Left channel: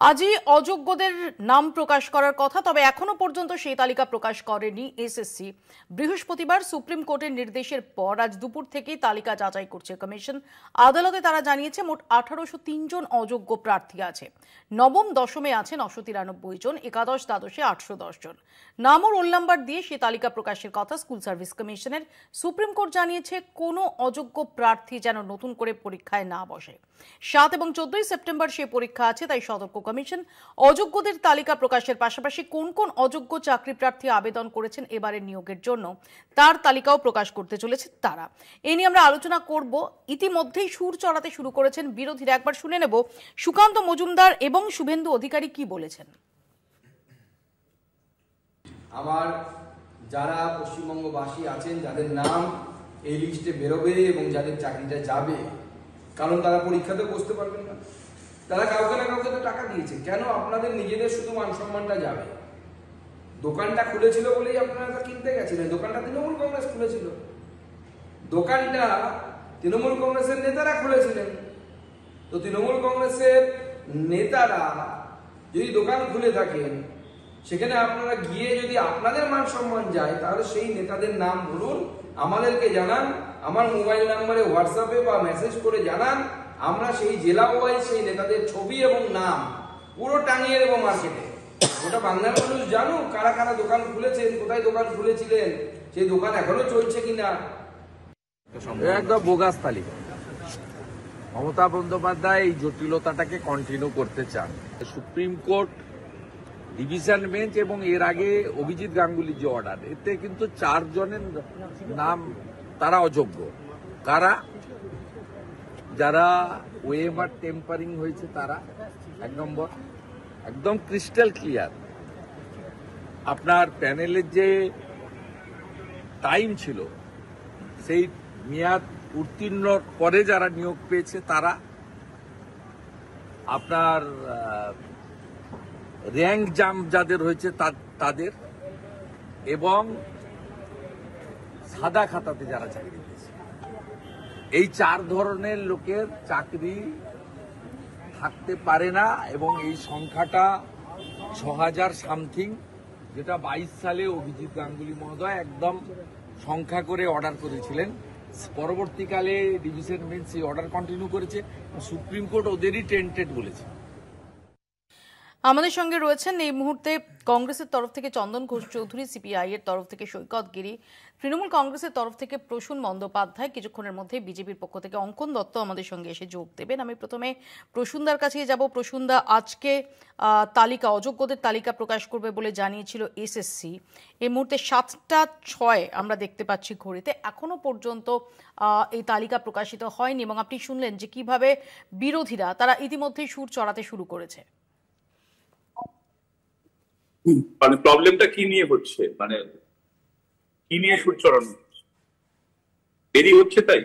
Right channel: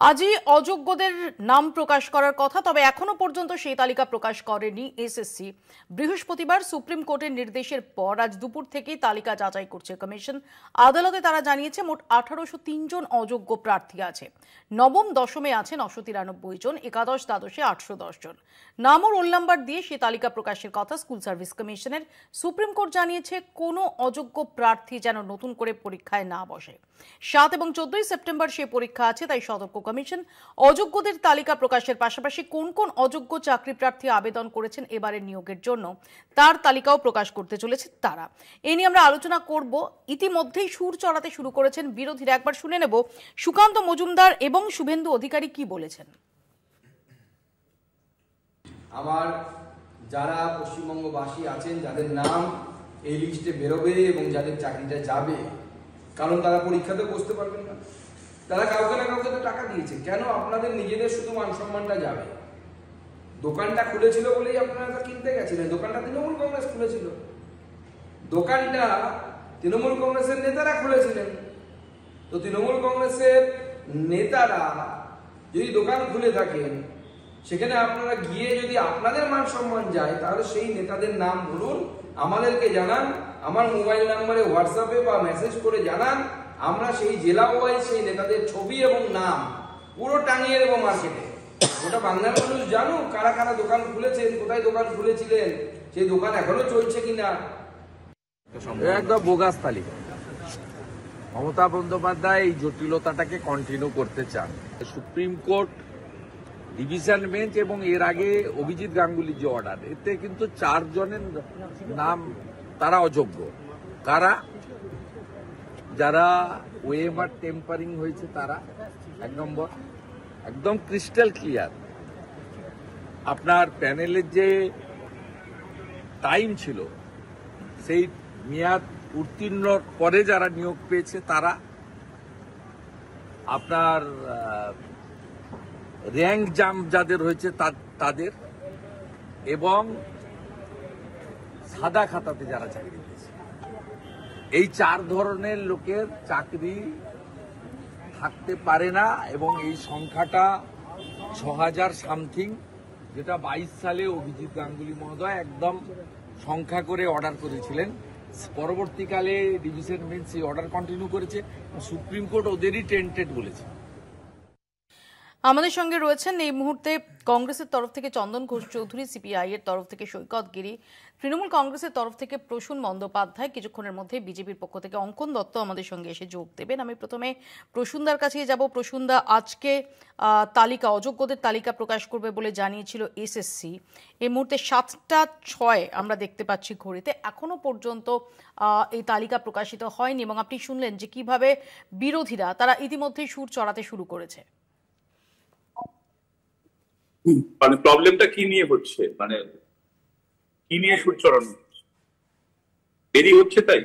আজই অযোগ্যদের নাম প্রকাশ করার কথা, তবে এখনো পর্যন্ত সেই তালিকা প্রকাশ করেনি এসএসসি। বৃহস্পতিবার সুপ্রিম কোর্টের নির্দেশের পর আজ দুপুর থেকেই তালিকা যাচাই করছে কমিশন। আদালতে তারা জানিয়েছে মোট 1803 জন অযোগ্য প্রার্থী আছে। নবম দশমে আছে 993 জন, একাদশ দ্বাদশে 810 জন। নাম ও রোল নাম্বার দিয়ে সেই তালিকা প্রকাশের কথা স্কুল সার্ভিস কমিশনের। সুপ্রিম কোর্ট জানিয়েছে কোনো অযোগ্য প্রার্থী যেন নতুন করে পরীক্ষায় না বসে। 7 এবং 14 সেপ্টেম্বর সেই পরীক্ষা আছে, তাই সতর্ক কমিশন। অযোগ্যদের তালিকা প্রকাশের পাশাপাশি কোন কোন অযোগ্য চাকরি প্রার্থী আবেদন করেছেন এবারের নিয়োগের জন্য তার তালিকাও প্রকাশ করতে চলেছে তারা। এ নিয়ে আমরা আলোচনা করব। ইতিমধ্যেই সুর চড়াতে শুরু করেছেন বিরোধীরা। একবার শুনে নেব সুকান্ত মজুমদার এবং শুভেন্দু অধিকারী কি বলেছেন। আমার যারা পশ্চিমবঙ্গবাসী আছেন, যাদের নাম এই লিস্টে বেরোবে এবং যাদের চাকরিটা যাবে, কারণ তারা পরীক্ষাতে বসতে পারবেন না, তারা কাউকে না কাউকে তো টাকা দিয়েছে। কেন আপনাদের নিজেদের শুধু মান সম্মানটা যাবে? দোকানটা খুলেছিল বলেই আপনারা তা কিনতে গেছিলেন। দোকানটা তৃণমূল কংগ্রেস খুলেছিল, দোকানটা তৃণমূল কংগ্রেসের নেতারা খুলেছিলেন। তো তৃণমূল কংগ্রেসের নেতারা যদি দোকান খুলে থাকেন, সেখানে আপনারা গিয়ে যদি আপনাদের মান সম্মান যায়, তাহলে সেই নেতাদের নাম বলুন, আমাদেরকে জানান, আমার মোবাইল নাম্বারে হোয়াটসঅ্যাপে বা মেসেজ করে জানান। আমরা সেই জেলা ওয়াইজ সেই নেতাদের ছবি এবং নাম পুরো টাঙিয়ে দেবো মার্কেটে। ওটা বাংলার মানুষ জানুক কারা কারা দোকান খুলেছেন, কোথায় দোকান খুলেছিলেন, সেই দোকান এখনো চলছে কিনা। একদম বোগাস তালিকা। মমতা বন্দ্যোপাধ্যায় এই জটিলতাটাকে কন্টিনিউ করতে চান। সুপ্রিম কোর্ট, ডিভিশন বেঞ্চ এবং এর আগে অভিজিৎ গাঙ্গুলির যে অর্ডার, এতে কিন্তু 4 জনের নাম তারা অযোগ্য। কারা? যারা ওয়েমার টেম্পারিং হয়েছে তারা 1 নম্বর, একদম ক্রিস্টাল ক্লিয়ার। আপনার প্যানেলের যে টাইম ছিল, সেই মেয়াদ উত্তীর্ণ পরে যারা নিয়োগ পেয়েছে তারা, আপনার র্যাঙ্ক জাম্প যাদের হয়েছে তাদের, এবং সাদা খাতাতে যারা চাকরি পেয়েছে। এই 4 ধরনের লোকের চাকরি থাকতে পারে না, এবং এই সংখ্যাটা 6000 সামথিং, যেটা 22 সালে অভিজিৎ গাঙ্গুলি মহোদয় একদম সংখ্যা করে অর্ডার করেছিলেন। পরবর্তীকালে ডিভিশন বেঞ্চ এই অর্ডার কন্টিনিউ করেছে। সুপ্রিম কোর্ট ওদেরই টেন্টেড বলেছে। আমাদের সঙ্গে রয়েছেন এই মুহূর্তে কংগ্রেসের তরফ থেকে চন্দন ঘোষ চৌধুরী, সিপিআই এর তরফ থেকে সৈকত গিরি, তৃণমূল কংগ্রেসের তরফ থেকে প্রসূন বন্দ্যোপাধ্যায়, কিছুক্ষণের মধ্যে বিজেপির পক্ষ থেকে অঙ্কন দত্ত আমাদের সঙ্গে এসে যোগ দেবেন। আমি প্রথমে প্রসূনদার কাছে যাব। প্রসূনদা, আজকে তালিকা, অযোগ্যদের তালিকা প্রকাশ করবে বলে জানিয়েছিল এসএসসি। এই মুহূর্তে 7টা 6 আমরা দেখতে পাচ্ছি ঘড়িতে, এখনো পর্যন্ত এই তালিকা প্রকাশিত হয়নি, এবং আপনি শুনলেন যে কিভাবে বিরোধীরা তারা ইতিমধ্যেই সুর চড়াতে শুরু করেছে। মানে প্রবলেমটা কি নিয়ে হচ্ছে, মানে কি নিয়ে সুর চড়ানো দেরি হচ্ছে? তাই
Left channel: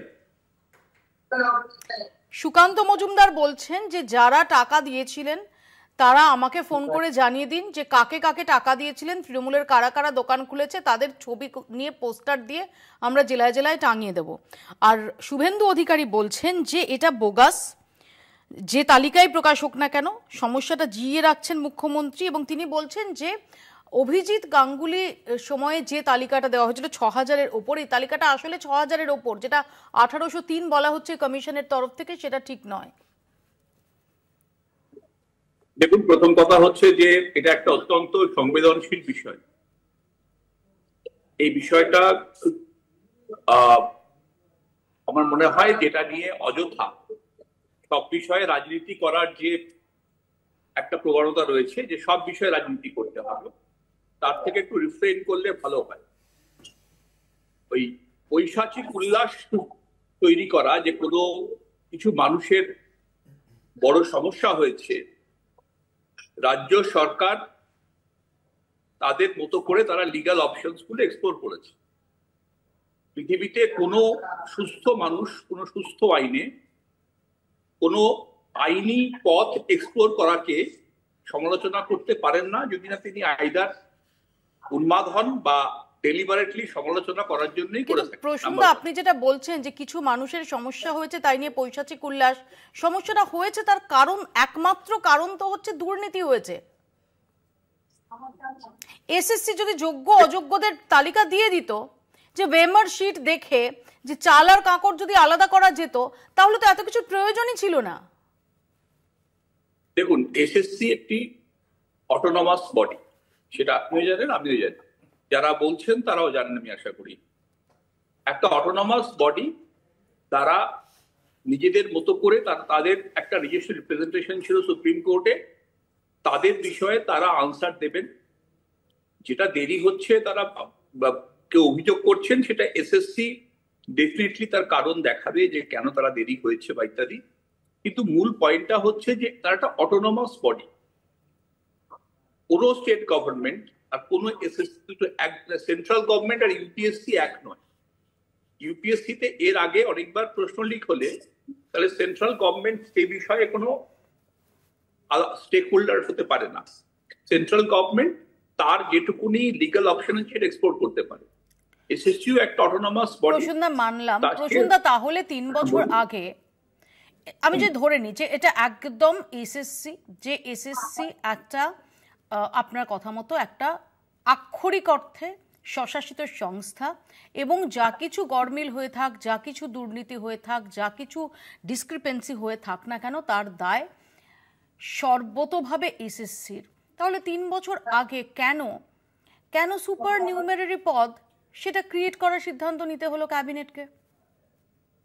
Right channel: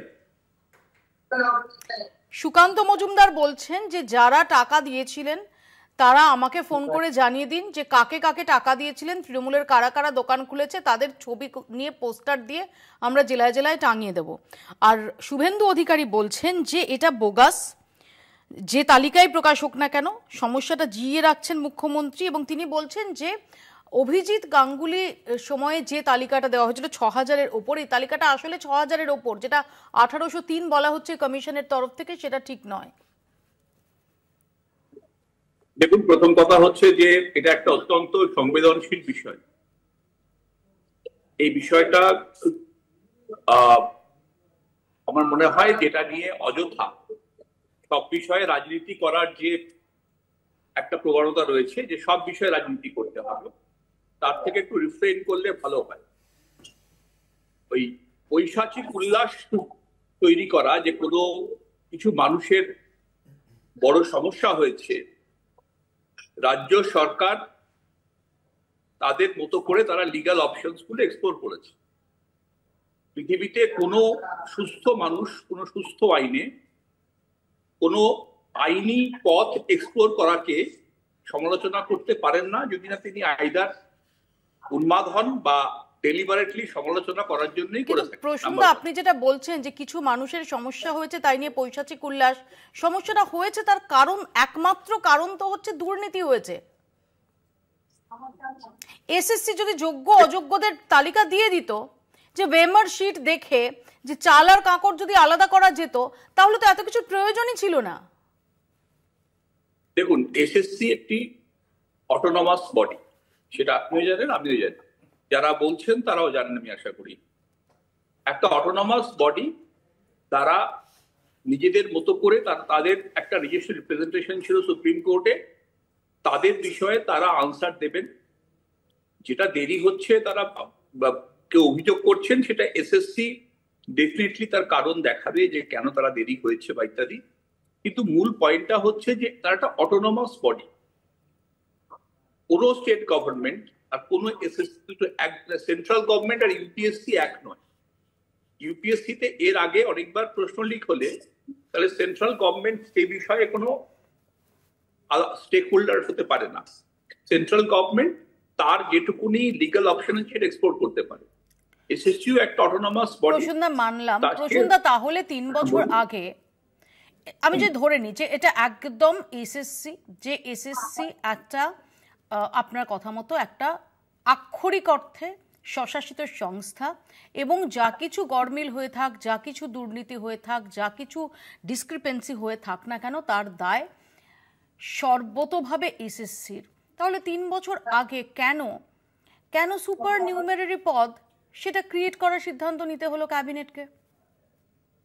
সুকান্ত মজুমদার বলছেন যে যারা টাকা দিয়েছিলেন তারা আমাকে ফোন করে জানিয়ে দিন যে কাকে কাকে টাকা দিয়েছিলেন, তৃণমূলের কারা কারা দোকান খুলেছে, তাদের ছবি নিয়ে পোস্টার দিয়ে আমরা জেলায় জেলায় টাঙিয়ে দেব। আর শুভেন্দু অধিকারী বলছেন যে এটা বোগাস, যে তালিকায় প্রকাশ হোক না কেন সমস্যাটা জিইয়ে রাখছেন মুখ্যমন্ত্রী। এবং তিনি বলছেন যে অভিজিৎ গাঙ্গুলি সময়ে যে তালিকাটা দেওয়া হয়েছিল 6000-এর ওপর, এই তালিকাটা আসলে 6000-এর ওপর, যেটা 1803 বলা হচ্ছে কমিশনের তরফ থেকে, সেটা ঠিক নয়। দেখুন, প্রথম কথা হচ্ছে যে এটা একটা অত্যন্ত সংবেদনশীল বিষয়। এই বিষয়টা আমার মনে হয় যেটা নিয়ে অযথা সব বিষয়ে রাজনীতি করার যে একটা প্রবণতা রয়েছে, যে সব বিষয়ে রাজনীতি করতে হবে, তার থেকে একটু রিফ্রেইন করলে ভালো হয়। ওই পৈশাচিক উল্লাস তৈরি করা যে কোনো কিছু মানুষের বড় সমস্যা হয়েছে, রাজ্য সরকার তাদের মতো করে তারা লিগ্যাল অপশনস গুলো এক্সপ্লোর করেছে। পৃথিবীতে কোনো সুস্থ মানুষ কোনো সুস্থ আইনে কোনো আইনি পথ এক্সপ্লোর করাকে সমালোচনা করতে পারেন না, যদি না তিনি আইদার উন্মাদ হন বা ডেলিবারেটলি সমালোচনা করার জন্যই কিন্তু করেছে। প্রসঙ্গ আপনি যেটা বলছেন যে কিছু মানুষের সমস্যা হয়েছে তাই নিয়ে পৈশাচিক উল্লাস, সমস্যাটা হয়েছে তার কারণ, একমাত্র কারণ তো হচ্ছে দুর্নীতি হয়েছে। এসএসসি যদি যোগ্য অযোগ্যদের তালিকা দিয়ে দিত, যে ওয়েমার শিট দেখে যে চাল আর কাঁকড় যদি আলাদা করা যেত, তাহলে তো এত কিছু প্রয়োজনই ছিল না। দেখুন, এসএসসি একটি অটোনমাস বডি, সেটা আপনিও জানেন, আমিও জানি, যারা বলছেন তারাও জানেন আমি আশা করি। একটা অটোনমাস বডি, তারা নিজেদের মতো করে তাদের একটা নিজস্ব রিপ্রেজেন্টেশন ছিল সুপ্রিম কোর্টে, তাদের বিষয়ে তারা আনসার দেবেন। যেটা দেরি হচ্ছে তারা কেউ অভিযোগ করছেন, সেটা এসএসসি ডেফিনেটলি তার কারণ দেখাবে যে কেন তারা দেরি হয়েছে বা ইত্যাদি। কিন্তু মূল পয়েন্টটা হচ্ছে যে তারা একটা অটোনমাস বডি, কোনো স্টেট গভর্নমেন্ট আর কোনো এসএসসি, সেন্ট্রাল গভর্নমেন্ট আর ইউপিএসসি এক নয়। ইউপিএসসিতে এর আগে অনেকবার প্রশ্ন লিক হলে তাহলে সেন্ট্রাল গভর্নমেন্ট সেই বিষয়ে কোনো স্টেক হোল্ডার হতে পারে না। সেন্ট্রাল গভর্নমেন্ট তার যেটুকুনি লিগ্যাল অপশন আছে সেটা এক্সপ্লোর করতে পারে। এসএসসিও একটা অটোনমাস বডি। প্রসন্দা, মানলাম প্রসন্দা, তাহলে 3 বছর আগে আমি যে ধরে নিই যে এটা একদম এসএসসি, যে এসএসসি একটা আপনার কথা মতো একটা আক্ষরিক অর্থে স্বশাসিত সংস্থা, এবং যা কিছু গরমিল হয়ে থাক, যা কিছু দুর্নীতি হয়ে থাক, যা কিছু ডিসক্রিপেন্সি হয়ে থাক না কেন, তার দায় সর্বতোভাবে এসএসসির। তাহলে 3 বছর আগে কেন সুপার নিউমেরারি পদ সেটা ক্রিয়েট করার সিদ্ধান্ত নিতে হলো ক্যাবিনেটকে?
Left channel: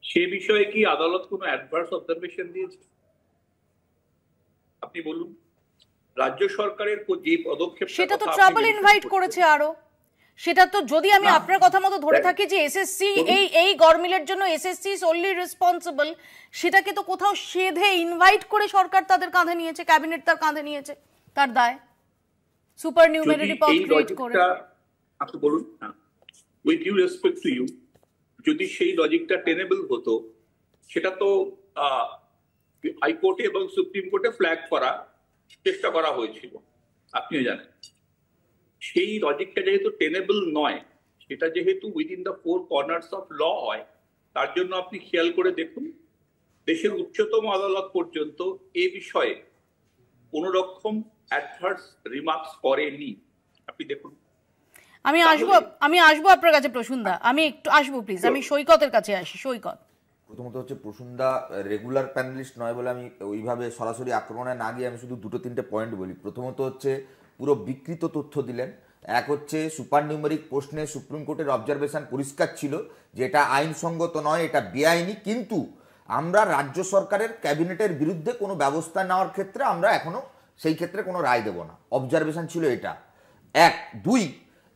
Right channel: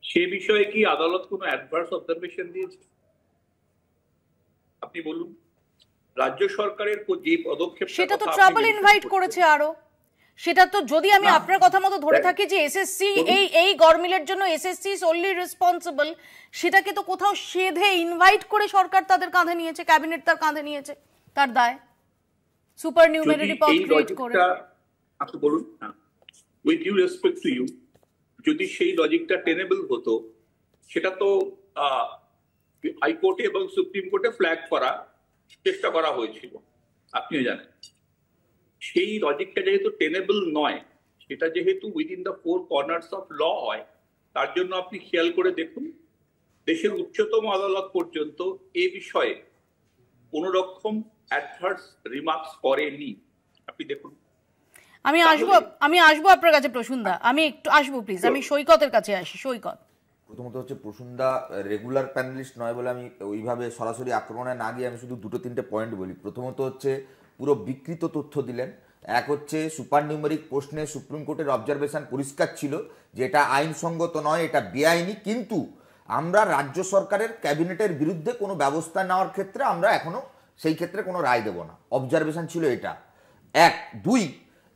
সে বিষয়ে কি আদালত কোনো অ্যাডভার্স অবজারভেশন দিয়েছে? আপনি বলুন। রাজ্য সরকারের যে পদক্ষেপ, সেটা তো ট্রাবল ইনভাইট করেছে আরো। সেটা তো, যদি আমি আপনার কথা মতো ধরে থাকি যে এসএসসি এই গরমিলের জন্য এসএসসি ওনলি রেসপন্সিবল, সেটাকে তো কোথাও সেধে ইনভাইট করে সরকার তাদের কাঁধে নিয়েছে, ক্যাবিনেট তার কাঁধে নিয়েছে তার দায়, সুপার নিউমেরারি পদ ক্রিয়েট করে। আপনি বলুন, with due respect to you, যদি সেই লজিকটা টেনেবল হতো, সেটা তো হাইকোর্টে এবং সুপ্রিম কোর্টে ফ্ল্যাগ করা চেষ্টা করা হয়েছিল, আপনিও জানেন। সেই লজিকটা যেহেতু টেনেবল নয়, সেটা যেহেতু within the 4 corners of law হয়, তার জন্য আপনি খেয়াল করে দেখুন দেশের উচ্চতম আদালত পর্যন্ত এ বিষয়ে কোন রকম অ্যাডভার্স রিমার্কস করেনি। আপনি দেখুন। আমি আসবো আপনার কাছে প্রসন্দা, আমি একটু আসবো প্লিজ, আমি সৈকতের কাছে আসি। সৈকত, প্রথমত হচ্ছে প্রসন্দা রেগুলার প্যানেলিস্ট নয় বলে আমি ওইভাবে সরাসরি আক্রমণে না গিয়ে আমি শুধু 2-3টে পয়েন্ট বলি। প্রথমত হচ্ছে পুরো বিকৃত তথ্য দিলেন। এক হচ্ছে সুপার নিউমেরিক প্রশ্নে সুপ্রিম কোর্টের অবজারভেশন পরিষ্কার ছিল যে এটা আইনসঙ্গত নয়, এটা বেআইনি, কিন্তু আমরা রাজ্য সরকারের ক্যাবিনেটের বিরুদ্ধে কোনো ব্যবস্থা নেওয়ার ক্ষেত্রে আমরা এখনো সেই ক্ষেত্রে কোনো রায় দেব না, অবজারভেশন ছিল এটা। 1, 2,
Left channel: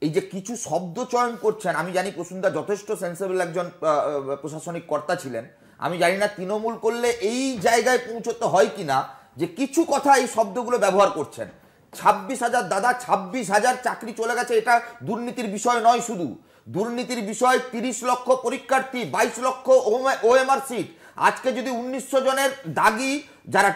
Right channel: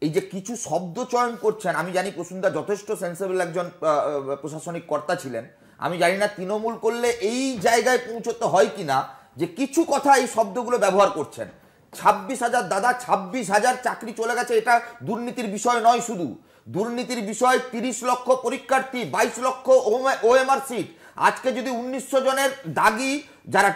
এই যে কিছু শব্দ চয়ন করছেন, আমি জানি প্রসন্দা যথেষ্ট সেন্সেবল একজন প্রশাসনিক কর্তা ছিলেন, আমি জানি না তৃণমূল করলে এই জায়গায় পৌঁছতে হয় কিনা যে কিছু কথা এই শব্দগুলো ব্যবহার করছেন। 26,000 দাদা, 26,000 চাকরি চলে গেছে, এটা দুর্নীতির বিষয় নয়। শুধু দুর্নীতির বিষয় 30 লক্ষ পরীক্ষার্থী, 22 লক্ষ ওএমআর সিট। আজকে যদি 1900 জনের দাগি যারা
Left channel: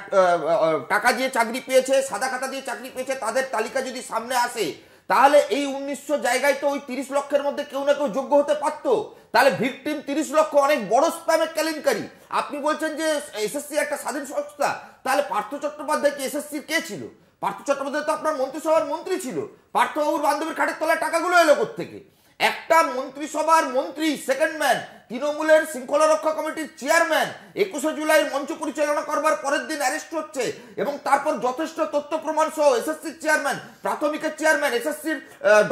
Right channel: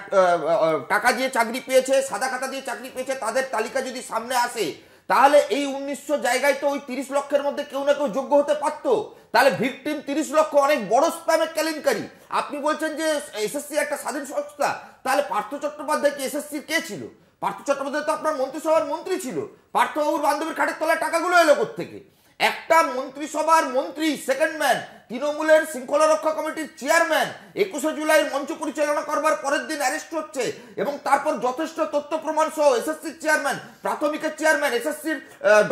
টাকা দিয়ে চাকরি পেয়েছে, সাদা খাতা দিয়ে চাকরি পেয়েছে, তাদের তালিকা যদি সামনে আসে, তাহলে এই 1900 জায়গায় তো ওই 30 লক্ষের মধ্যে কেউ না কেউ যোগ্য হতে পারতো। তাহলে ভিকটিম 30 লক্ষ, অনেক বড় স্প্যামের কেলেঙ্কারি। আপনি বলছেন যে এসএসসি একটা স্বাধীন সংস্থা, তাহলে পার্থ চট্টোপাধ্যায় কি এসএসসি কে ছিল? পার্থ চট্টোপাধ্যায় তো আপনার মন্ত্রিসভার মন্ত্রী ছিল। পার্থবাবুর বান্ধবীর খাটের তলায় টাকাগুলো এলো কোত্থেকে? একটা মন্ত্রিসভার মন্ত্রী, সেকেন্ড ম্যান, তৃণমূলের শৃঙ্খলা রক্ষা কমিটির চেয়ারম্যান, 21শে জুলাইয়ের মঞ্চ পরিচালনা করবার পরের দিন অ্যারেস্ট হচ্ছে, এবং তারপর যথেষ্ট তথ্য প্রমাণ সহ এসএসসির চেয়ারম্যান, প্রাথমিকের চেয়ারম্যান, এসএসসির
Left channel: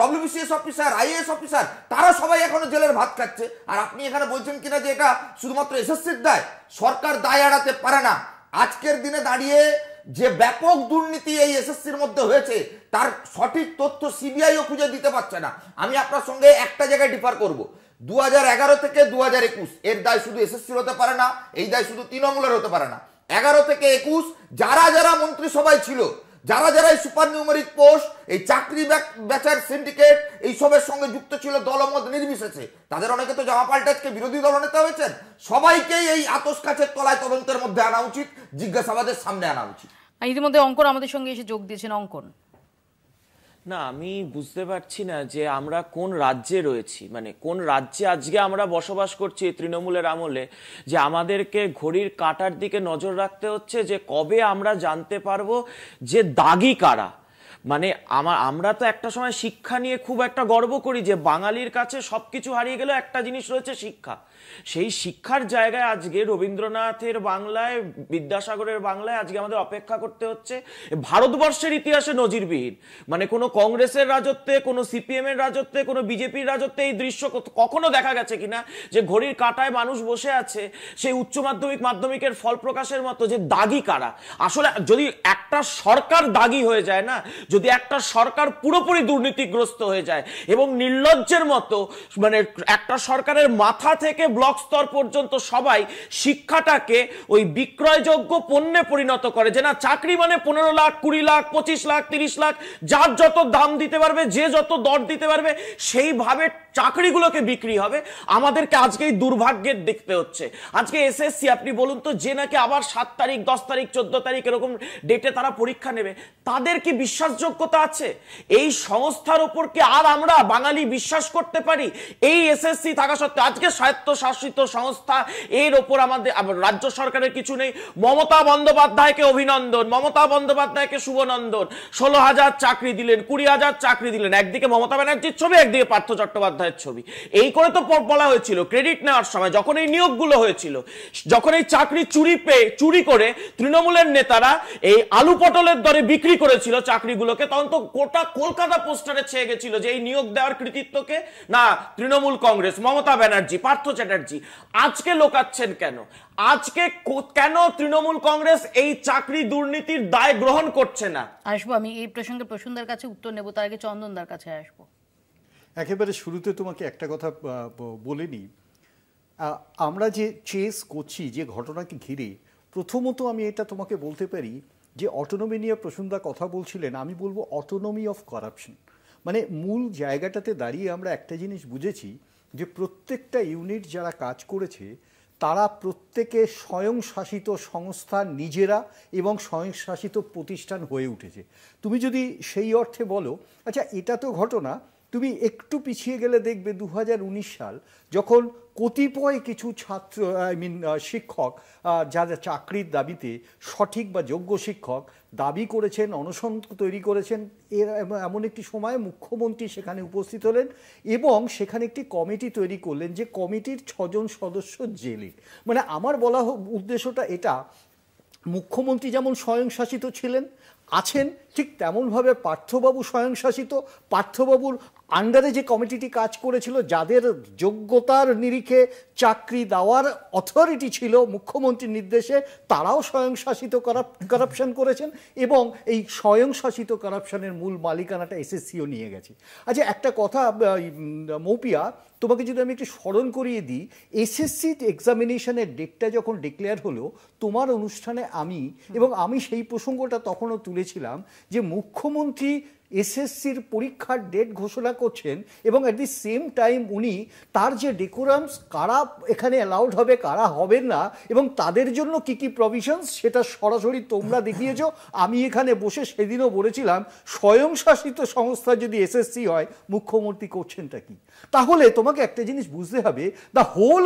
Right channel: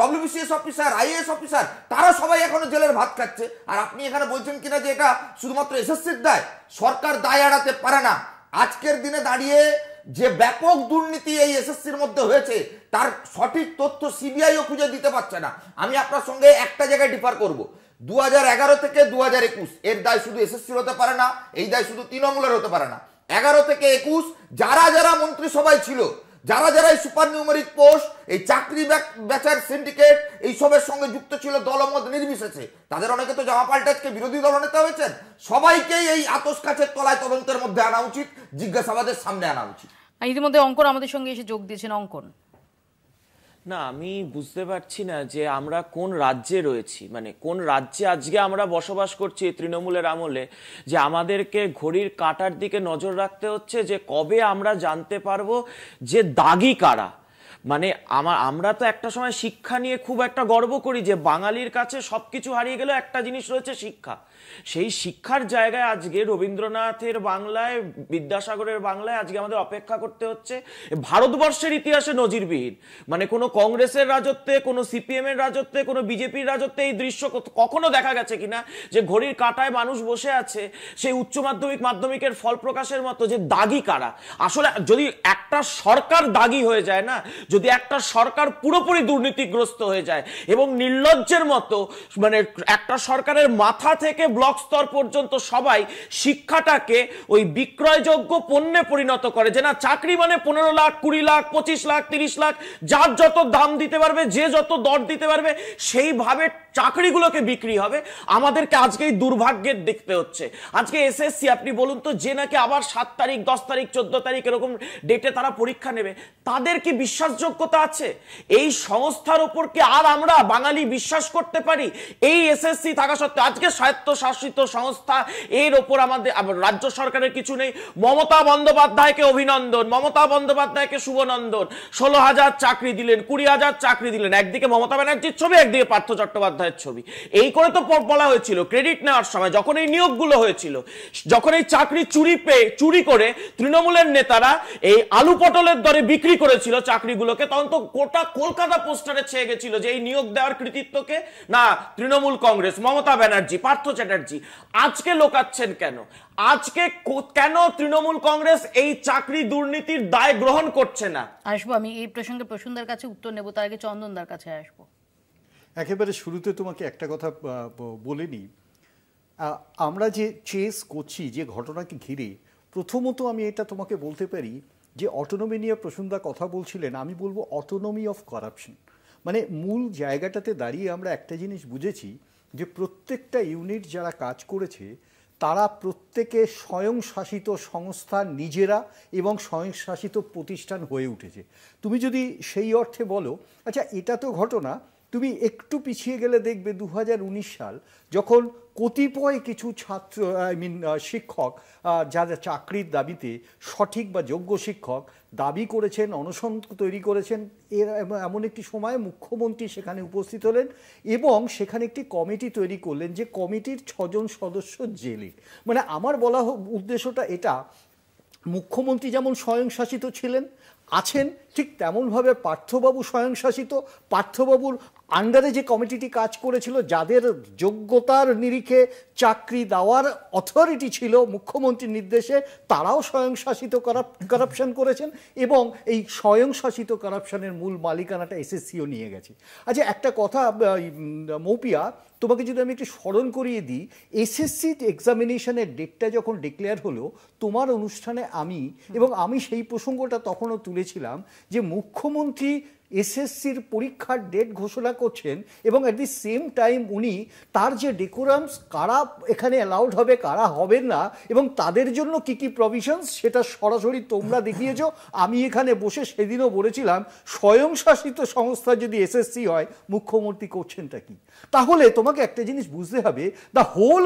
ডব্লিউবিসিএস অফিসার, আইএএস অফিসার, তারা সবাই এখনো জেলের ভাত খাচ্ছে। আর আপনি এখানে বলছেন কিনা যে এটা শুধুমাত্র এসএসসির দায়, সরকার দায় এড়াতে পারে না। আজকের দিনে দাঁড়িয়ে যে ব্যাপক দুর্নীতি এই এসএসসির মধ্যে হয়েছে, তার সঠিক তথ্য সিবিআইও খুঁজে দিতে পারছে না। আমি আপনার সঙ্গে একটা জায়গায় ডিফার করব, 2011 থেকে 2021 এর দায় শুধু এসএসসির হতে পারে না, এই দায় শুধু তৃণমূলের হতে পারে না। 11 থেকে 21 যারা যারা মন্ত্রিসভায় ছিল, যারা যারা এই সুপার নিউমেরিক পোস্ট, এই চাকরি বেচার সিন্ডিকেট, এই সবের সঙ্গে যুক্ত ছিল দলমত নির্বিশেষে, তাদের অনেকে তো জামা পাল্টে আজকে বিরোধী দল নেতা হয়েছেন। সবাইকেই এই আতস কাছের তলায় তদন্তের মধ্যে আনা উচিত, জিজ্ঞাসাবাদের সামনে আনা উচিত। ইতিমধ্যে অঙ্কন আমাদের সঙ্গে এসে যোগ দিয়েছেন। অঙ্কন, না, আমি বুঝতে পারছি না যে আমরা কোন রাজ্যে রয়েছি, মানে কোন রাজ্যে আজকে আমরা বসবাস করছি তৃণমূলের আমলে, যে আমাদেরকে ঘড়ির কাঁটার দিকে নজর রাখতে হচ্ছে যে কবে আমরা জানতে পারবো যে দাগি কারা। মানে আমরা তো একটা সময় শিক্ষা নিয়ে খুব একটা গর্ব করি যে বাঙালির কাছে সবকিছু হারিয়ে গেল, একটা জিনিস রয়েছে শিক্ষা। সেই শিক্ষার জায়গায় আজকে রবীন্দ্রনাথের বাংলায়, বিদ্যাসাগরের বাংলায় আজকে আমাদের অপেক্ষা করতে হচ্ছে। ভারতবর্ষের ইতিহাসে নজিরবিহীন, মানে কোনো কংগ্রেসের রাজত্বে, কোনো সিপিএম এর রাজত্বে, কোনো বিজেপির রাজত্বে এই দৃশ্য কখনো দেখা গেছে কিনা যে ঘড়ির কাঁটায় মানুষ বসে আছে সেই উচ্চ মাধ্যমিক মাধ্যমিকের ফল প্রকাশের মতো, যে দাগি কারা। আসলে যদি একটা সরকার দাগি হয়ে যায় না, যদি একটা সরকার পুরোপুরি দুর্নীতিগ্রস্ত হয়ে যায় এবং নির্লজ্জের মতো, মানে একটা সরকারের মাথা থেকে ব্লক স্তর পর্যন্ত সবাই শিক্ষাটাকে ওই বিক্রয়যোগ্য পণ্যে পরিণত করে, যে না চাকরি মানে 15 লাখ 20 লাখ 25 লাখ 30 লাখ, যার যত দাম দিতে পারবে, যে যত দর দিতে পারবে, সেইভাবে চাকরিগুলোকে বিক্রি হবে। আমাদেরকে আজকে এই দুর্ভাগ্যের দেখতে হচ্ছে। আজকে এসএসসি, আপনি বলুন তো, যে নাকি আবার 7 তারিখ 10 তারিখ 14 তারিখ এরকম ডেটে তারা পরীক্ষা নেবে, তাদের কি বিশ্বাসযোগ্যতা আছে? এই সংস্থার উপর কি আর আমরা বাঙালি বিশ্বাস করতে পারি? এই এসএসসি থাকা সত্ত্বেও আজকে স্বায়ত্তশাসিত সংস্থা, এর ওপর আমাদের রাজ্য সরকারের কিছু নেই। মমতা বন্দ্যোপাধ্যায়কে অভিনন্দন, মমতা বন্দ্যোপাধ্যায়কে শুভনন্দন। 16,000 চাকরি দিলেন, 20,000 চাকরি দিলেন। একদিকে মমতা ব্যানার্জির ছবি, একদিকে পার্থ চট্টোপাধ্যায়ের ছবি। এই করে তো বলা হয়েছিল ক্রেডিট নেওয়ার সময়, যখন এই নিয়োগগুলো হয়েছিল, যখন এই চাকরি চুরি করে তৃণমূলের নেতারা এই আলু পটলের দরে বিক্রি করেছিল চাকরিগুলোকে, তখন তো গোটা কলকাতা পোস্টারে ছেয়ে গেছিল যে এই নিয়োগ দেওয়ার কৃতিত্বকে না তৃণমূল কংগ্রেস, মমতা ব্যানার্জি, পার্থ চ্যাটার্জি। আজকে লোকাচ্ছেন কেন? আজকে কেন তৃণমূল কংগ্রেস এই চাকরি দুর্নীতির দায় গ্রহণ করছে না? আসবো আমি এই প্রসঙ্গে প্রসূনদার কাছে উত্তর নেব, তার আগে চন্দনদার কাছে আসবো। একেবারে শুরুতে তোমাকে একটা কথা বলে নিই, আমরা যে চেস করছি যে ঘটনাকে ঘিরে, প্রথমত আমি এটা তোমাকে বলতে পারি যে অটোনমি নিয়ে প্রসূনদা কথা বলছিলেন, আমি বলবো অটোনমি অফ করাপশন। মানে মূল জায়গাটাতে দাঁড়িয়ে আমরা একটা জিনিস বুঝেছি যে প্রত্যেকটা ইউনিট যারা কাজ করেছে তারা প্রত্যেকে স্বয়ংশাসিত সংস্থা নিজেরা এবং স্বয়ংশাসিত প্রতিষ্ঠান হয়ে উঠেছে। তুমি যদি সেই অর্থে বলো, আচ্ছা এটা তো ঘটনা, তুমি একটু পিছিয়ে গেলে দেখবে 2019 সাল, যখন কতিপয় কিছু ছাত্র শিক্ষক যারা চাকরির দাবিতে সঠিক বা যোগ্য শিক্ষক দাবি করেছেন, অনশন তৈরি করেছেন, এমন একটি সময়ে মুখ্যমন্ত্রী সেখানে উপস্থিত হলেন এবং সেখানে একটি কমিটি তৈরি করলেন, যে কমিটির 6 জন সদস্য জেলে। মানে আমার বলা উদ্দেশ্যটা এটা, মুখ্যমন্ত্রী যেমন স্বয়ংশাসিত ছিলেন আছেন, ঠিক তেমনভাবে পার্থবাবু স্বয়ংশাসিত। পার্থবাবুর আন্ডারে যে কমিটিটি কাজ করেছিল, যাদের যোগ্যতার নিরিখে চাকরি দেওয়ার অথরিটি ছিল মুখ্যমন্ত্রীর নির্দেশে, তারাও স্বয়ংশাসিত কারাপশন করেছেন এবং এই স্বয়ংশাসিত কারাপশনের মূল মালিকানাটা এসএসসিও নিয়ে গেছে। আচ্ছা একটা কথা মৌপিয়া, তোমাকে যদি আমি একটু স্মরণ করিয়ে দিই, এসএসসি এক্সামিনেশনের ডেটটা যখন ডিক্লেয়ার হলো তোমার অনুষ্ঠানে আমি সেই প্রসঙ্গটা তখনও তুলেছিলাম যে মুখ্যমন্ত্রী এসএসসির পরীক্ষার ডেট ঘোষণা করছেন এবং অ্যাট দি সেম টাইম উনি তার যে ডেকোরামস, কারা এখানে অ্যালাউড হবে কারা হবেন না এবং তাদের জন্য কি কি প্রভিশনস, সেটা সরাসরি তোমরা দেখিয়েছো। আমি এখানে বসে সেদিনও বলেছিলাম স্বয়ংশাসিত সংস্থা যদি এসএসসি হয় মুখ্যমন্ত্রী করছেনটা কি। তাহলে তোমাকে একটা জিনিস বুঝতে হবে, দ্য হোল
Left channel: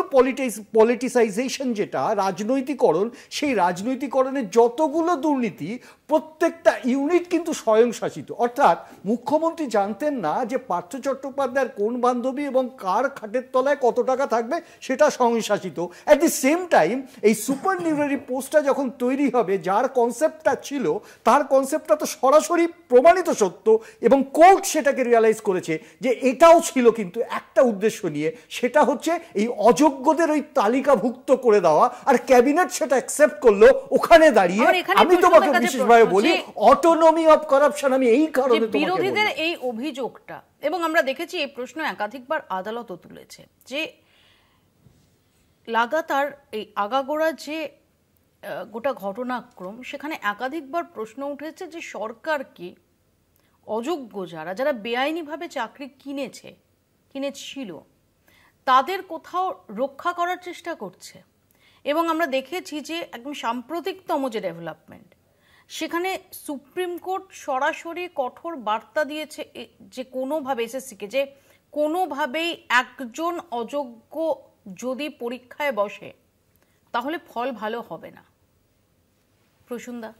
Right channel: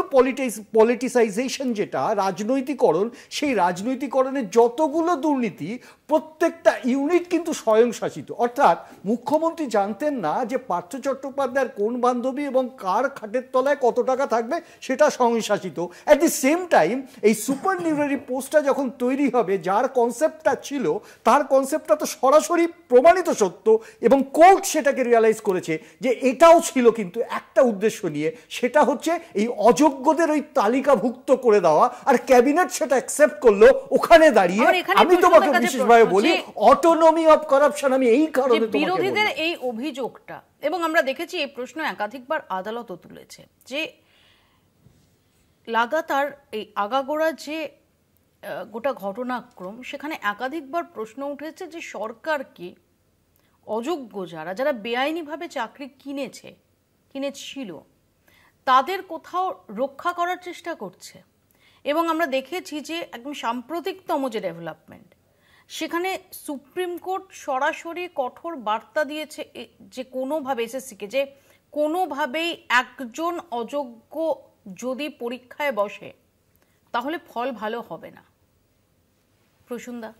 পলিটিসাইজেশন, যেটা রাজনৈতিকরণ, সেই রাজনৈতিকরণের যতগুলো দুর্নীতি প্রত্যেকটা ইউনিট কিন্তু স্বয়ংশাসিত। অর্থাৎ মুখ্যমন্ত্রী জানতেন না যে পার্থ চট্টোপাধ্যায়ের কোন বান্ধবী এবং কার খাটের তলায় কত টাকা থাকবে, সেটা স্বয়ংশাসিত। অ্যাট দি সেম টাইম এই সুপার নিউমারি পোস্টটা যখন তৈরি হবে, যার কনসেপ্টটা ছিল, তার কনসেপ্টটা তো সরাসরি প্রমাণিত সত্য এবং কোর্ট সেটাকে রিয়ালাইজ করেছে যে এটাও ছিল কিন্তু একটা উদ্দেশ্য নিয়ে, সেটা হচ্ছে এই অযোগ্যদের ওই তালিকাভুক্ত করে দেওয়া, আর ক্যাবিনেট সেটা অ্যাকসেপ্ট করলো। ওখানে দাঁড়িয়ে আমি তোমাকে বিশেষভাবে বলি অটোনমি অফ কারাপশন, আমি এই কারণে বিরোধীদের এই অভিযোগটা, এবং আমরা দেখেছি এই প্রশ্ন একাধিকবার আদালতও তুলেছে, যে লাগাতার এই আগাগোড়া যে গোটা ঘটনাক্রম, সেখানে একাধিকবার প্রশ্ন উঠেছে যে সরকার কি অযোগ্য যারা বেআইনিভাবে চাকরি কিনেছিল তাদের কোথাও রক্ষা করার চেষ্টা করছে। এবং আমরা দেখেছি যে একদম সাম্প্রতিকতম যে ডেভেলপমেন্ট, সেখানে সুপ্রিম কোর্ট সরাসরি কঠোর বার্তা দিয়েছে যে কোনোভাবে এসএসসিকে, যে কোনোভাবেই একজন অযোগ্য যদি পরীক্ষায় বসে তাহলে ফল ভালো হবে না। প্রসূনদা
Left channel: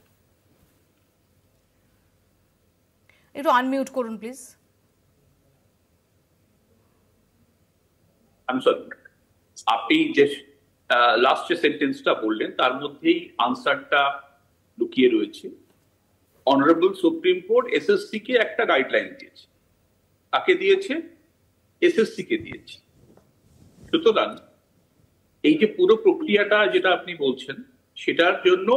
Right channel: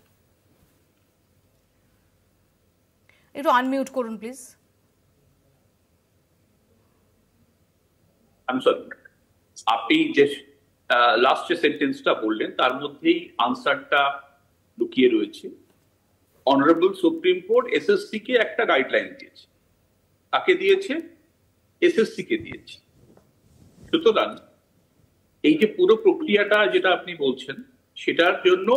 একটু আনমিউট করুন প্লিজ। আপনি যে লাস্ট যে সেন্টেন্সটা বললেন তার মধ্যেই আনসারটা লুকিয়ে রয়েছে। অনারেবল সুপ্রিম কোর্ট এসএসসি কে একটা গাইডলাইন দিয়েছে, তাকে দিয়েছে, এসএসসি কে দিয়েছে। সুতরাং এই যে পুরো প্রক্রিয়াটা যেটা আপনি বলছেন সেটার জন্য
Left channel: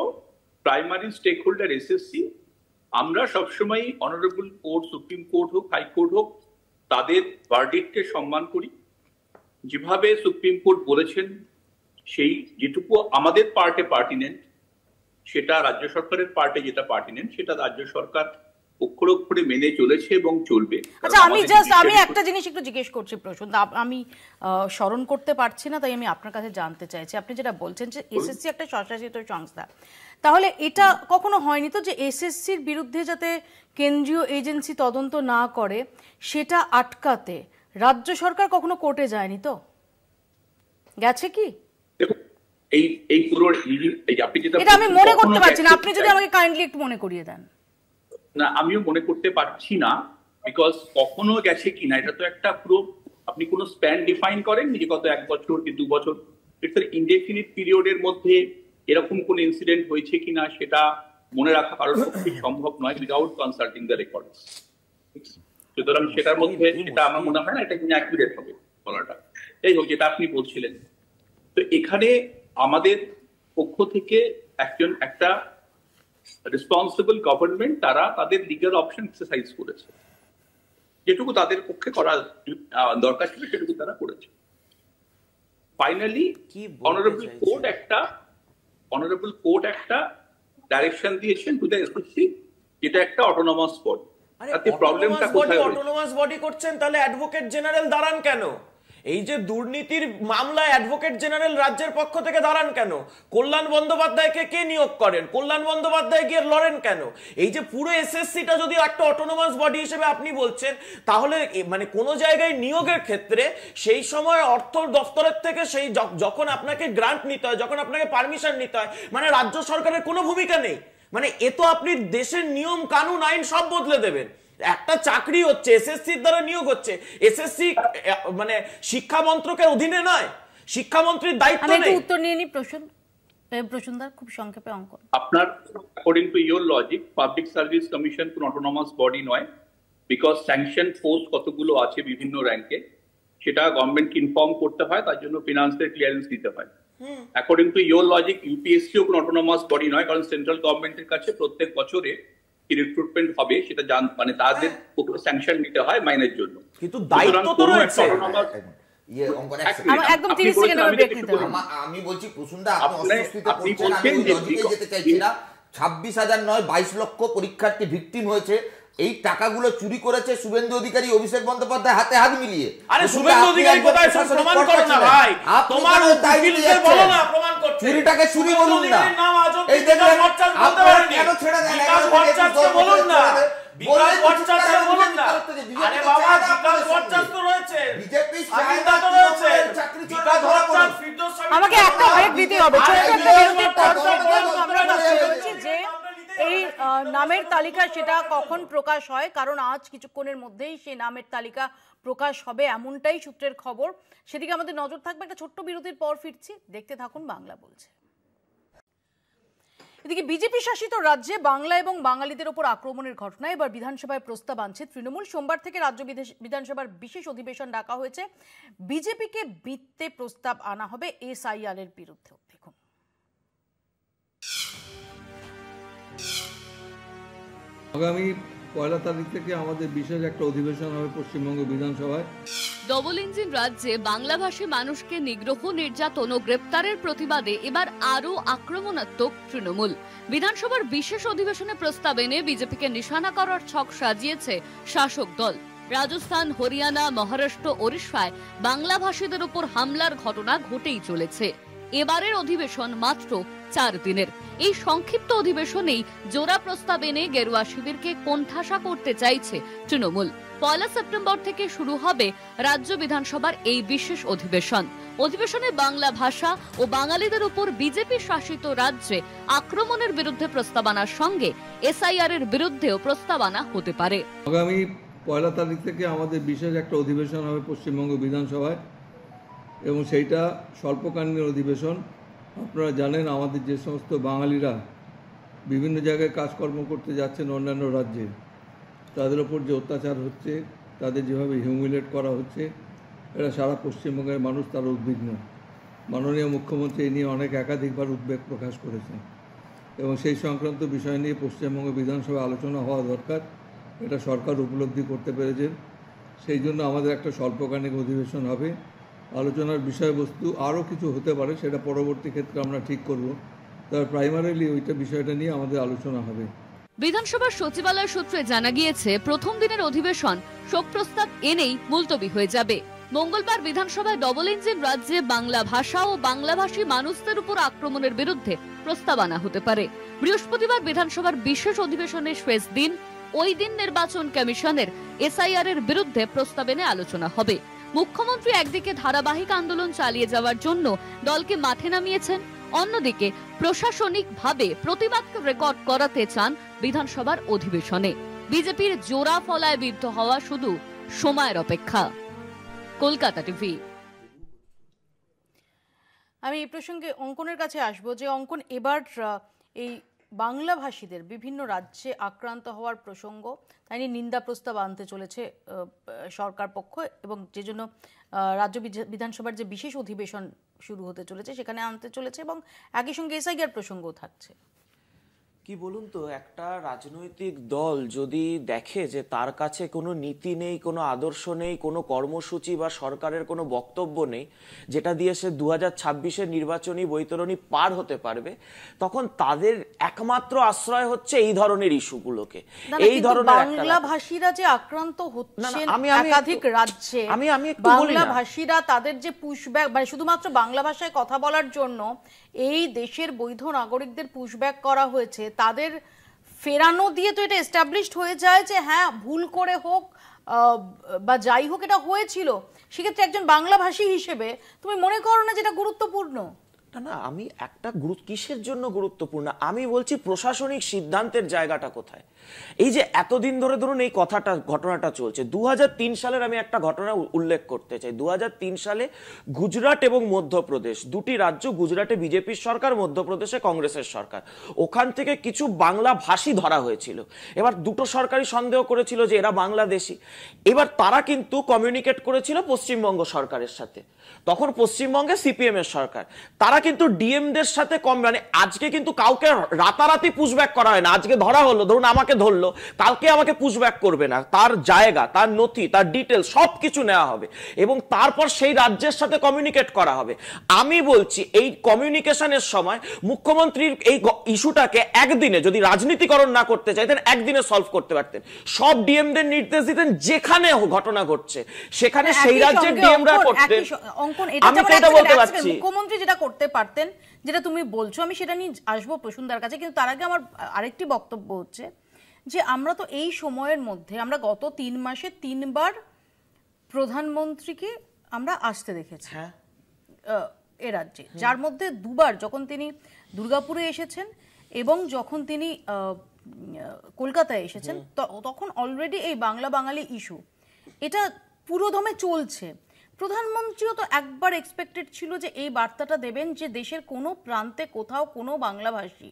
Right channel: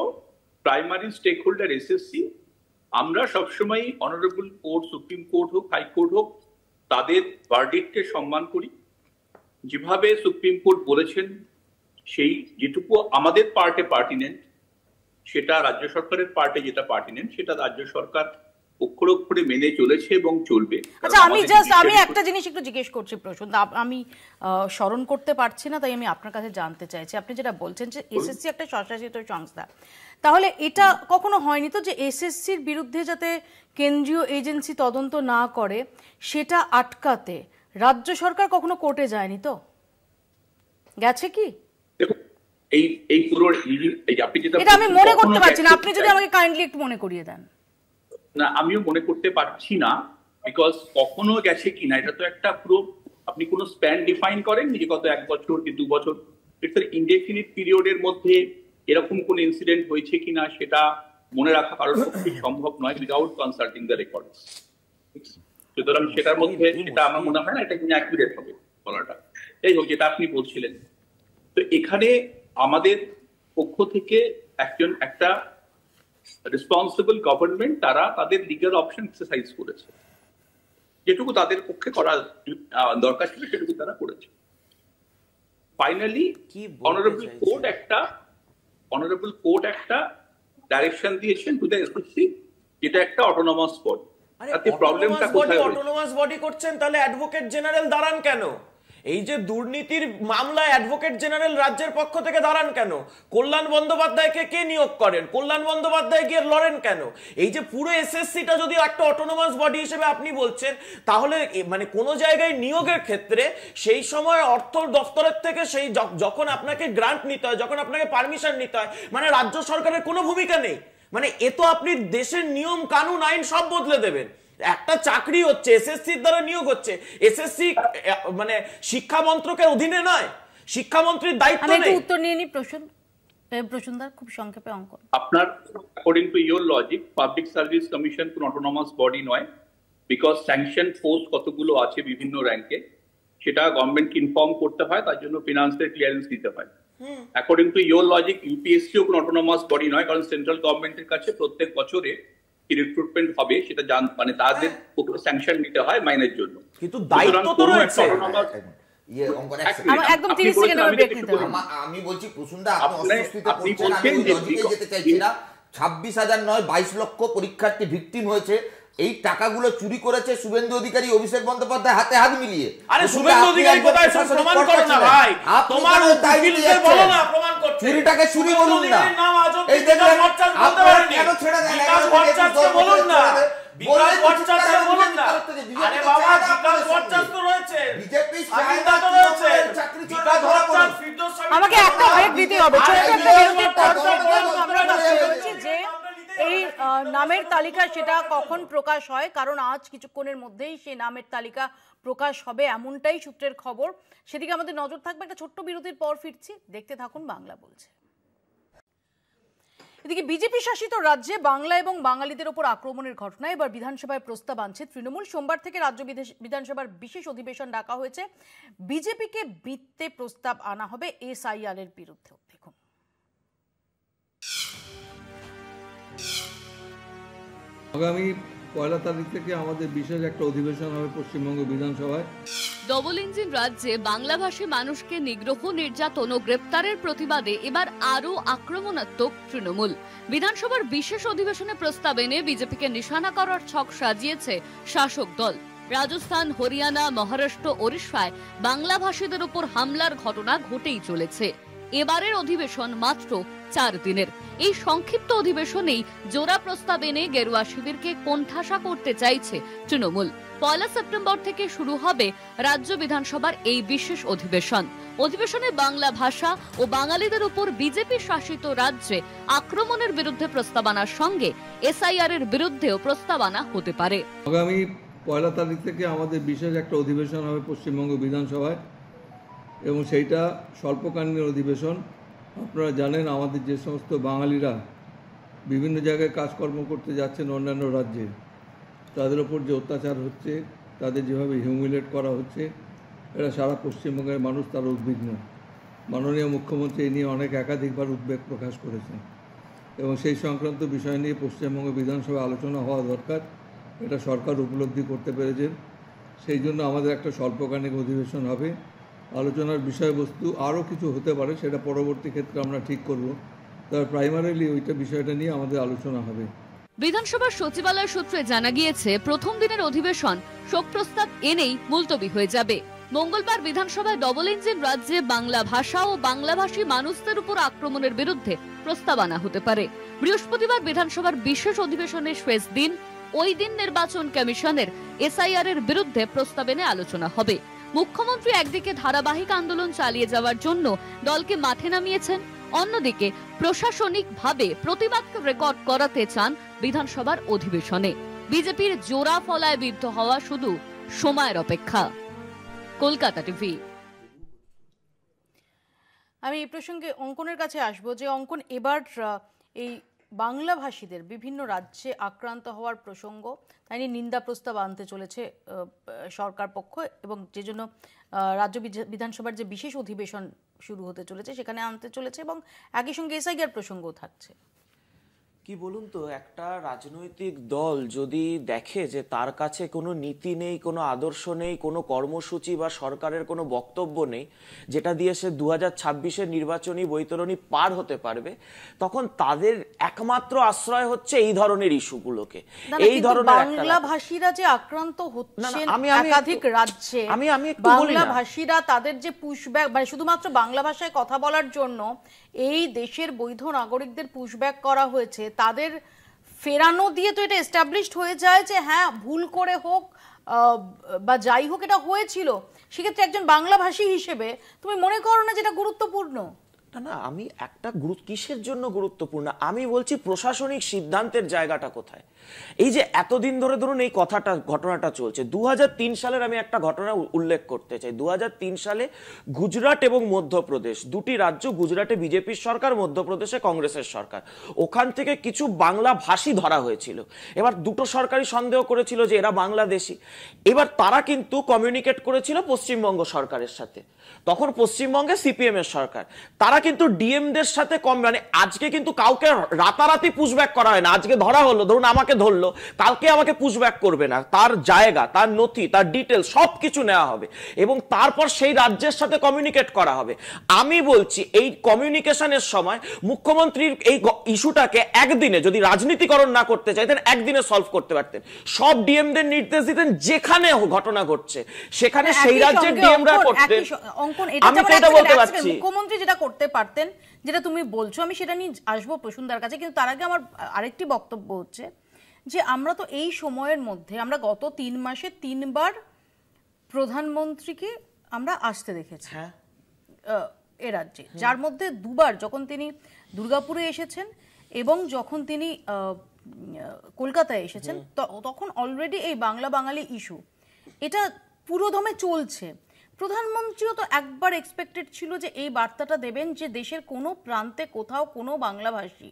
প্রাইমারি স্টেক হোল্ডার এসএসসি। আমরা সবসময় অনারেবল কোর্ট, সুপ্রিম কোর্ট হোক, হাইকোর্ট হোক, তাদের ভার্ডিক্টকে সম্মান করি। যেভাবে সুপ্রিম কোর্ট বলেছেন সেই যেটুকু আমাদের পার্টে পার্টিনেন্ট, সেটা রাজ্য সরকারের পার্টে যেটা পার্টিনেন্ট, সেটা রাজ্য সরকার অক্ষরে অক্ষরে মেনে চলেছে এবং চলবে। আচ্ছা, আমি একটা জিনিস একটু জিজ্ঞেস করছি প্রশ্ন, আমি স্মরণ করতে পারছি না, তাই আমি আপনার কাছে জানতে চাইছি। আপনি যেটা বলছেন যে এসএসসি একটা স্বশাসিত সংস্থা, তাহলে এটা কখনো হয়নি তো যে এসএসসির বিরুদ্ধে যাতে কেন্দ্রীয় এজেন্সি তদন্ত না করে সেটা আটকাতে রাজ্য সরকার কখনো কোর্টে যায়নি? তো গেছে কি? এই পুরো এটা আমি মনে করতে পারছি না, আপনি যদি আমাকে কাইন্ডলি একটু মনে করিয়ে দেন। না, আমিও মনে করতে পারছি না, বিকজ কখনো গেছে কিনা এটা তো একটা পুরো, আপনি কোনো স্প্যান ডিফাইন করেন যে কত 1 বছর কি 2 বছর, ইটস ইনডেফিনিট পিরিয়ডের মধ্যে এরকম কোন ইনসিডেন্ট হয়েছে কিনা সেটা মনে রাখা কারোর পক্ষে সম্ভব নয় উইদাউট কনসাল্টিং দ্য রেকর্ডস। সুতরাং সেটার মধ্যে সেটা আমার মনে হয় না এটা কিনা অ্যাকুরেট হবে বলাটা। এই হোক, যেটা আপনি বলছিলেন, তো এখানে আমাদের পক্ষ থেকে একটা রেসপন্সিবল গভর্নমেন্ট, তারা তাদের লিগ্যাল অপশন এক্সারসাইজ করেছে, যেটুকু তাদের পক্ষে করা দরকার ছিল সেটুকু তারা করেছে। ফাইনালি অনারেবল কোর্ট একটা ডাইরেকশন দিয়েছেন টু দ্য এসএসসি, যেটা একটা অটোনমাস বডি। তাতে প্রবলেমটা কোথায়? অটোনমাস বডি করছেন, তাহলে অ্যাডভোকেট জেনারেল দাঁড়ান কেন? এই যে দুর্নীতির মামলায় অ্যাডভোকেট জেনারেল রাজ্যের পক্ষ থেকে দাঁড়ান কেন? কল্যাণ বন্দ্যোপাধ্যায়কে কে নিয়োগ করেন? কল্যাণ বন্দ্যোপাধ্যায় গিয়ে লড়েন কেন? এই যে পুরো এসএসসিটা যদি একটা অটোনমাস বডি হিসেবে আপনি বলছেন, তাহলে মানে কোন জায়গায় নিয়োগের ক্ষেত্রে সেই সময় অর্থ দপ্তরের থেকে সেই যখন আপনাকে গ্রান্ট নিতে হয়, যখন আপনাকে পারমিশন নিতে হয়, মানে রাজ্য সরকারের কোনো ভূমিকা নেই। মানে এ তো আপনি দেশের নিয়ম কানুন আইন সব বদলে দেবেন। একটা চাকরি হচ্ছে এসএসসির দ্বারা নিয়োগ হচ্ছে, এসএসসি মানে শিক্ষা মন্ত্রকের অধীনে নয়, শিক্ষামন্ত্রীর দায়িত্ব নেই। আমি উত্তর নিয়ে নি প্রসূনদা, খুব সংক্ষেপে অঙ্ক। আপনার according to your logic public service commission কোন অটোনমাস বডি নয়, বিকজ স্যাংশন পোস্ট কতগুলো আছে বিভিন্ন র্যাঙ্কে, সেটা গভর্নমেন্টকে ইনফর্ম করতে হয়, তার জন্য ফিনান্সের ক্লিয়ারেন্স দিতে হয়। অ্যাকর্ডিং টু ইওর লজিক ইউপিএসসিও কোন অটোনমাস বডি নয়, কারণ সেন্ট্রাল গভর্নমেন্টের কাছে প্রত্যেক বছরে রিক্রুটমেন্ট হবে, সেটা মানে তাদের স্যাংশন নিতে হয় মাইনের জন্য। কিন্তু দায়িত্ব তো রয়েছে। আমি বলছি প্রসূনদা, আপনি অস্বস্তিতে যেতে চাইছি না। 26,000 নয় 22 লক্ষ পরীক্ষার্থী ভিকটিম হয়েছে। এই টাকাগুলো চুরি করেছে শুভেন্দু অধিকারী, অভিষেক বন্দ্যোপাধ্যায় হাতে হাত মিলিয়ে। আরে শুভেন্দু অধিকারী কোথায়? প্রমাণ করো না ভাই, তোমার উকিলকে বলো না প্রমাণ করতে। চুরিটাকে চুরি বলুন না, এই দেখুন আপনারা কেন ছেড়ে দেন? বিকাশ ভট্টাচার্য বলুন না, বিকাশ ভট্টাচার্য বলুন না। আরে বাবা, বিকাশ ভট্টাচার্য তো রয়েছে, বিজেপি সাহিদা তো রয়েছে, বিকাশ ভট্টাচার্য ফিরদৌস আমাকে একটা ব্রেক দিতে হবে। ছোট একটা বিরতির পর আমরা বলছি যে এই নামের তালিকা সেটা কখন প্রকাশ হয়, কারণ আজ কিছুক্ষণের মধ্যেই সেই নামের তালিকা প্রকাশ হবে এমনটাই সূত্রের খবর। সেদিকে আমাদের নজর থাকবে। একটা ছোট্ট বিরতির পর ফিরছি, দেখতে থাকুন বাংলা বলছে। এদিকে বিজেপি শাসিত রাজ্যে বাংলা এবং বাঙালিদের উপর আক্রমণের ঘটনায় এবার বিধানসভায় প্রস্তাব আনছে তৃণমূল। সোমবার থেকে রাজ্য বিধানসভার বিশেষ অধিবেশন ডাকা হয়েছে। বিজেপিকে বৃত্তে প্রস্তাব আনা হবে এসআইআর এর বিরুদ্ধে। দেখুন, আগামী 1 তারিখ থেকে আমাদের বিশেষ একটা অধিবেশন হবে পশ্চিমবঙ্গ বিধানসভায়। ডবল ইঞ্জিন রাজ্যে বাংলাভাষী মানুষকে নিগ্রহ, নির্যাতন ও গ্রেপ্তারের প্রতিবাদে এবার আরো আক্রমণাত্মক তৃণমূল। বিধানসভার বিশেষ অধিবেশনে প্রস্তাব এনে বিজেপিকে নিশানা করার ছক সাজিয়েছে শাসক দল। রাজস্থান, হরিয়ানা, মহারাষ্ট্র, ওড়িশায় বাংলাভাষীদের উপর হামলার ঘটনা ঘটেই চলেছে। এবারের অধিবেশন মাত্র 4 দিনের। এই সংক্ষিপ্ত অধিবেশনেই জোড়া প্রস্তাব এনে গেরুয়া শিবিরকে কোণঠাসা করতে চাইছে তৃণমূল। 1 সেপ্টেম্বর থেকে শুরু হবে রাজ্য বিধানসভার এই বিশেষ অধিবেশন। অধিবেশনে বাংলা ভাষা ও বাঙালিদের উপর বিজেপি শাসিত রাজ্যে আক্রমণের বিরুদ্ধে প্রস্তাবনার সঙ্গে এসআইআর এর বিরুদ্ধেও প্রস্তাবনা হতে পারে। আগামী 1 তারিখ থেকে আমাদের বিশেষ একটা অধিবেশন হবে পশ্চিমবঙ্গ বিধানসভায়, এবং সেইটা স্বল্পকালীন অধিবেশন। আপনারা জানেন আমাদের যে সমস্ত বাঙালিরা বিভিন্ন জায়গায় কাজকর্ম করতে যাচ্ছেন অন্যান্য রাজ্যে, তাদের ওপর যে অত্যাচার হচ্ছে, তাদের যেভাবে হিউমিলেট করা হচ্ছে, এরা সারা পশ্চিমবঙ্গের মানুষ তারা উদ্বিগ্ন। মাননীয় মুখ্যমন্ত্রী এই নিয়ে অনেক একাধিকবার উদ্বেগ প্রকাশ করেছেন, এবং সেই সংক্রান্ত বিষয় নিয়ে পশ্চিমবঙ্গ বিধানসভায় আলোচনা হওয়া দরকার। এটা সরকার উপলব্ধি করতে পেরেছেন। সেই জন্য আমাদের একটা স্বল্পকালীন অধিবেশন হবে। আলোচনার বিষয়বস্তু আরও কিছু হতে পারে, সেটা পরবর্তী ক্ষেত্রে আমরা ঠিক করব। তবে প্রাইমারিলি ওইটা বিষয়টা নিয়ে আমাদের আলোচনা হবে। বিধানসভার সচিবালয় সূত্রে জানা গিয়েছে, প্রথম দিনের অধিবেশন শোক প্রস্তাব এনেই মুলতবি হয়ে যাবে। মঙ্গলবার বিধানসভায় ডবল ইঞ্জিন রাজ্যে বাংলা ভাষা ও বাংলাভাষী মানুষদের উপর আক্রমণের বিরুদ্ধে প্রস্তাবনা হতে পারে। বৃহস্পতিবার বিধানসভার বিশেষ অধিবেশনের শেষ দিন, ওই দিন নির্বাচন কমিশনের এসআইআর এর বিরুদ্ধে প্রস্তাব এনে আলোচনা হবে। মুখ্যমন্ত্রী একদিকে ধারাবাহিক আন্দোলন চালিয়ে যাওয়ার জন্য দলকে মাঠে নামিয়েছেন, অন্যদিকে প্রশাসনিকভাবে প্রতিবাদ রেকর্ড করাতে চান বিধানসভার অধিবেশনে। বিজেপির জোড়া ফলায় বিদ্ধ হওয়া শুধু সময়ের অপেক্ষা। কলকাতা টিভি। আমি এই প্রসঙ্গে অঙ্কনের কাছে আসবো, যে অঙ্কন, এবার এই বাংলা ভাষীদের বিভিন্ন রাজ্যে আক্রান্ত হওয়ার প্রসঙ্গ, তাই নিন্দা প্রস্তাব আনতে চলেছে সরকার পক্ষ, এবং যে জন্য রাজ্য বিধানসভার যে বিশেষ অধিবেশন শুরু হতে চলেছে সেখানে আনতে চলেছে, এবং একই সঙ্গে এসআইআর প্রসঙ্গও থাকছে। কি বলুন তো, একটা রাজনৈতিক দল যদি দেখে যে তার কাছে কোনো নীতি নেই, কোনো আদর্শ নেই, কোনো কর্মসূচি বা সরকারের কোনো বক্তব্য নেই যেটা দিয়ে সে 2026-এর নির্বাচনী বৈতরণী পার হতে পারবে, তখন তাদের একমাত্র আশ্রয় হচ্ছে এই ধরনের ইস্যুগুলোকে। এই ধরনের বাংলা ভাষীরা যে আক্রান্ত হচ্ছেন একাধিক রাজ্যে, বাংলা ভাষীরা তাদের যে পুশব্যাক, মানে শুধুমাত্র বাংলা ভাষায় কথা বলার জন্য এই দেশের বৈধ নাগরিকদের পুশব্যাক করা হয়েছে, তাদের ফেরানো দিয়ে তো এটা এস্টাবলিশড হয়ে যায় যে হ্যাঁ ভুল করে হোক বা যাই হোক এটা হয়েছিল। সেক্ষেত্রে একজন বাংলা ভাষী হিসেবে তুমি মনে করো না যেটা গুরুত্বপূর্ণ? না, আমি একটা কিসের জন্য গুরুত্বপূর্ণ আমি বলছি, প্রশাসনিক সিদ্ধান্তের জায়গাটা কোথায়। এই যে এতদিন ধরে ধরুন এই ঘটনাটা চলছে, 2003 সালের আমি একটা ঘটনা উল্লেখ করতে চাই। 2003 সালে গুজরাট এবং মধ্যপ্রদেশ, দুটি রাজ্য, গুজরাটে বিজেপির সরকার, মধ্যপ্রদেশে কংগ্রেসের সরকার, ওখান থেকে কিছু বাংলা ভাষী ধরা হয়েছিল। এবার দুটো সরকারই সন্দেহ করেছিল যে এরা বাংলাদেশি। এবার তারা কিন্তু কমিউনিকেট করেছিল পশ্চিমবঙ্গ সরকারের সাথে, তখন পশ্চিমবঙ্গে সিপিএম এর সরকার, তারা কিন্তু ডিএমদের সাথে মানে আজকে কিন্তু কাউকে রাতারাতি পুশব্যাক করা হয় না। আজকে ধরা হলো, ধরুন আমাকে ধরলো, কালকে আমাকে পুশব্যাক করবে না, তার জায়গা, তার নথি, তার ডিটেল সবকিছু নেওয়া হবে এবং তারপর সেই রাজ্যের সাথে কমিউনিকেট করা হবে। আমি বলছি এই কমিউনিকেশনের সময় মুখ্যমন্ত্রীর এই ইস্যুটাকে একদিনে যদি রাজনীতিকরণ না করতে চাইতেন, একদিনে সলভ করতে পারতেন। সব ডিএমদের নির্দেশ দিতেন যেখানে ঘটনা ঘটছে সেখানে সেই রাজ্যের ডিএমরা করতেন। মুখ্যমন্ত্রী যেটা করতে পারতেন, যেটা তুমি বলছো, আমি সেটা নিয়ে আসবো প্রসূনদার কাছে, কিন্তু তার আগে আমার আরেকটি বক্তব্য হচ্ছে যে আমরা তো এই সময়ের মধ্যে আমরা গত 3 মাসে 3 বার প্রধানমন্ত্রীকে আমরা আসতে দেখেছি এ রাজ্যে, যার মধ্যে 2 বার যখন তিনি দুর্গাপুরে এসেছেন এবং যখন তিনি কলকাতায় এসেছেন, তখন অলরেডি এই বাংলা বাঙালি ইস্যু এটা পুরোদমে চলছে। প্রধানমন্ত্রীও তো একবার এক্সপেক্টেড ছিল যে এই বার্তাটা দেবেন যে দেশের কোনো প্রান্তে কোথাও কোনো বাংলাভাষী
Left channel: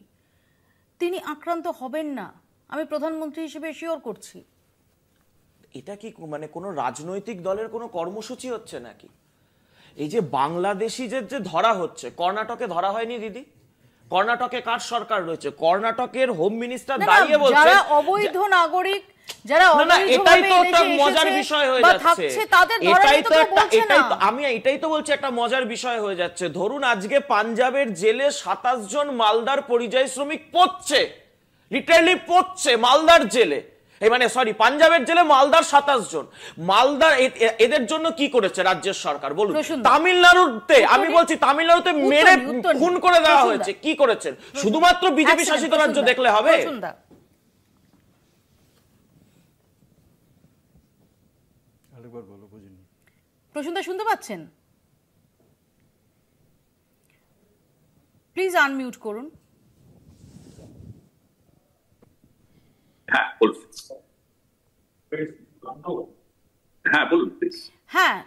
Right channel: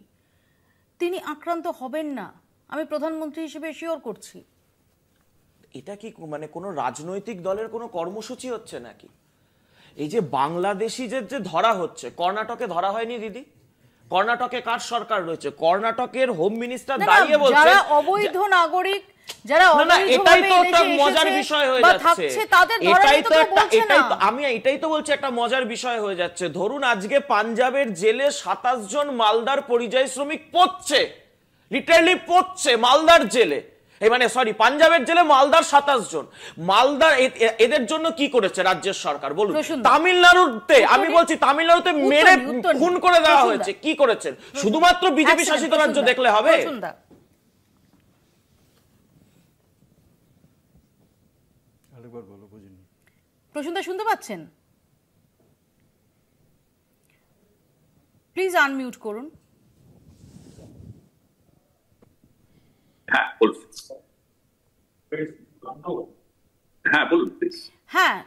তিনি আক্রান্ত হবেন না। আমি প্রধানমন্ত্রী হিসেবে শিওর করছি। এটা কি মানে কোনো রাজনৈতিক দলের কোনো কর্মসূচি হচ্ছে নাকি? এই যে বাংলাদেশিদের যে ধরা হচ্ছে, কর্ণাটকে ধরা হয়নি দিদি? কর্ণাটকে কার সরকার রয়েছে? কর্ণাটকের হোম মিনিস্টার দাঁড়িয়ে বলছে যারা অবৈধ নাগরিক, যারা আমি এটাই তো বলছি একটা মজার বিষয় হয়ে যাচ্ছে। ধরুন আজকে পাঞ্জাবের জেলে 27 জন মালদার পরিযায়ী শ্রমিক পড়ছে, লিটারালি পড়ছে মালদার জেলে, এই মানে সরি পাঞ্জাবের জেলে মালদার 27 জন। মালদার এদের জন্য কি করেছে রাজ্যের সরকার বলুন? তামিলনাড়ুতে আমি বলছি তামিলনাড়ুতে মেরে খুন করে দেওয়া হয়েছে, কি করেছেন? শুধুমাত্র বিজেপি শাসিত রাজ্য দেখলে হবে? প্রসূনদা শুনতে পাচ্ছেন? প্লিজ আনমিউট করুন। হ্যাঁ,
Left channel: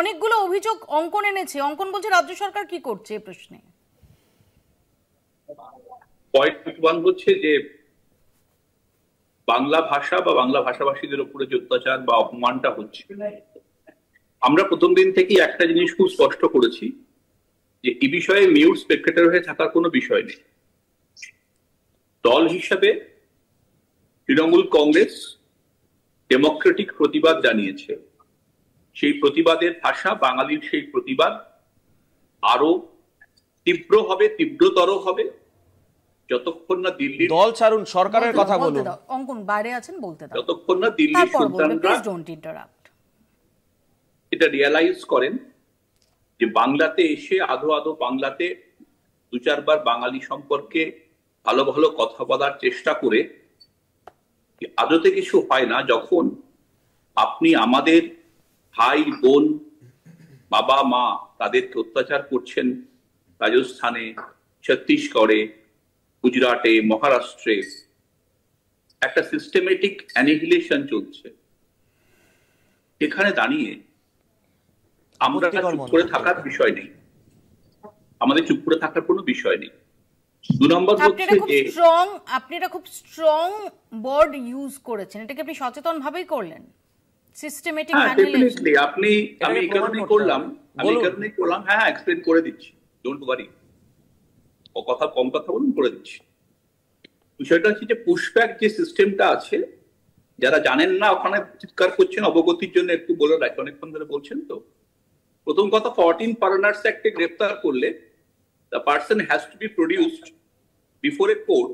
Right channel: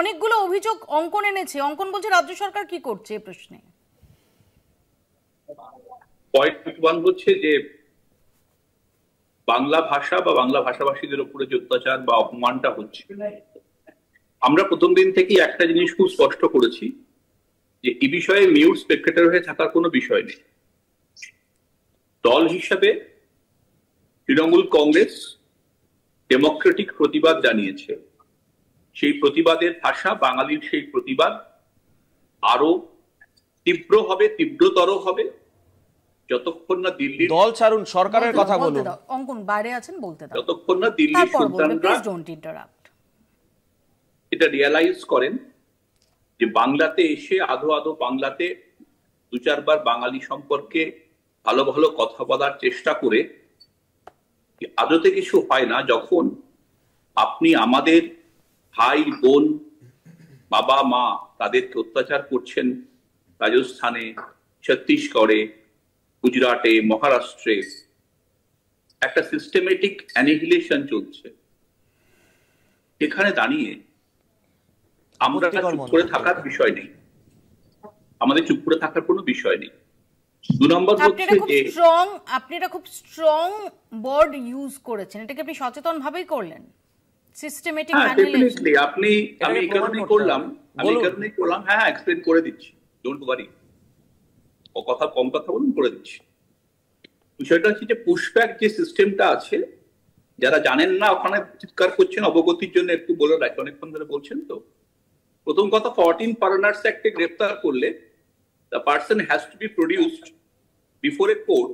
অনেকগুলো অভিযোগ অঙ্কন এনেছে। অঙ্কন বলছে রাজ্য সরকার কি করছে এই প্রশ্নে। পয়েন্ট হচ্ছে যে বাংলা ভাষা বা বাংলা ভাষাভাষীদের উপরে যে অত্যাচার বা অপমানটা হচ্ছে, আমরা প্রথম দিন থেকেই একটা জিনিস খুব স্পষ্ট করেছি যে এই বিষয়ে মিউট স্পেক্টেটর হয়ে থাকার কোনো বিষয় নেই। দল হিসাবে তৃণমূল কংগ্রেস ডেমোক্রেটিক প্রতিবাদ জানিয়েছে। সেই প্রতিবাদের ভাষা, বাঙালির সেই প্রতিবাদ আরো তীব্র হবে, তীব্রতর হবে যতক্ষণ না দিল্লির দল ছাড়ুন, সরকারের কথা বলুন। অঙ্কন বাইরে আছেন, বলতে দাও। যতক্ষণ না দিল্লির সন্তানরা এটা রিয়ালাইজ করেন যে বাংলাতে এসে আধো আধো বাংলাতে দু চারবার বাঙালি সম্পর্কে ভালো ভালো কথা বলার চেষ্টা করে আদতে কিছু হয় না। যখন আপনি আমাদের ভাই বোন, বাবা মা তাদেরকে অত্যাচার করছেন রাজস্থানে, ছত্তিশগড়ে, গুজরাটে, মহারাষ্ট্রে, একটা সিস্টেমেটিক অ্যানিহিলেশন চলছে। এখানে দাঁড়িয়ে আমরা চুপ করে থাকার বিষয় নেই, আমাদের চুপ করে থাকার কোনো বিষয় নেই। দু নম্বর হচ্ছে যে আপনি এটা খুব স্ট্রং ওয়ার্ড ইউজ করেছেন, এটাকে আপনি সচেতন ভাবেই করলেন। সিস্টেমেটিক অ্যানিহিলেশন আমি এই কারণেই করলাম, হ্যাঁ এক্সপ্লেন করে দিচ্ছি, ডোন্ট ওয়ারি, ও কথা কম কথা বলুন, করে দিচ্ছি। বিষয়টা হচ্ছে যে পুশব্যাক যে সিস্টেমটা আছে, যারা জানেন না ওখানে চিৎকার করছেন, অবগতির জন্য একটু বলে রাখি, অনেকক্ষণ ধরে বলছেন তো। প্রথম কথা, 14 ফরেনার্স অ্যাক্টে গ্রেফতার করলে the person has to be produced before a court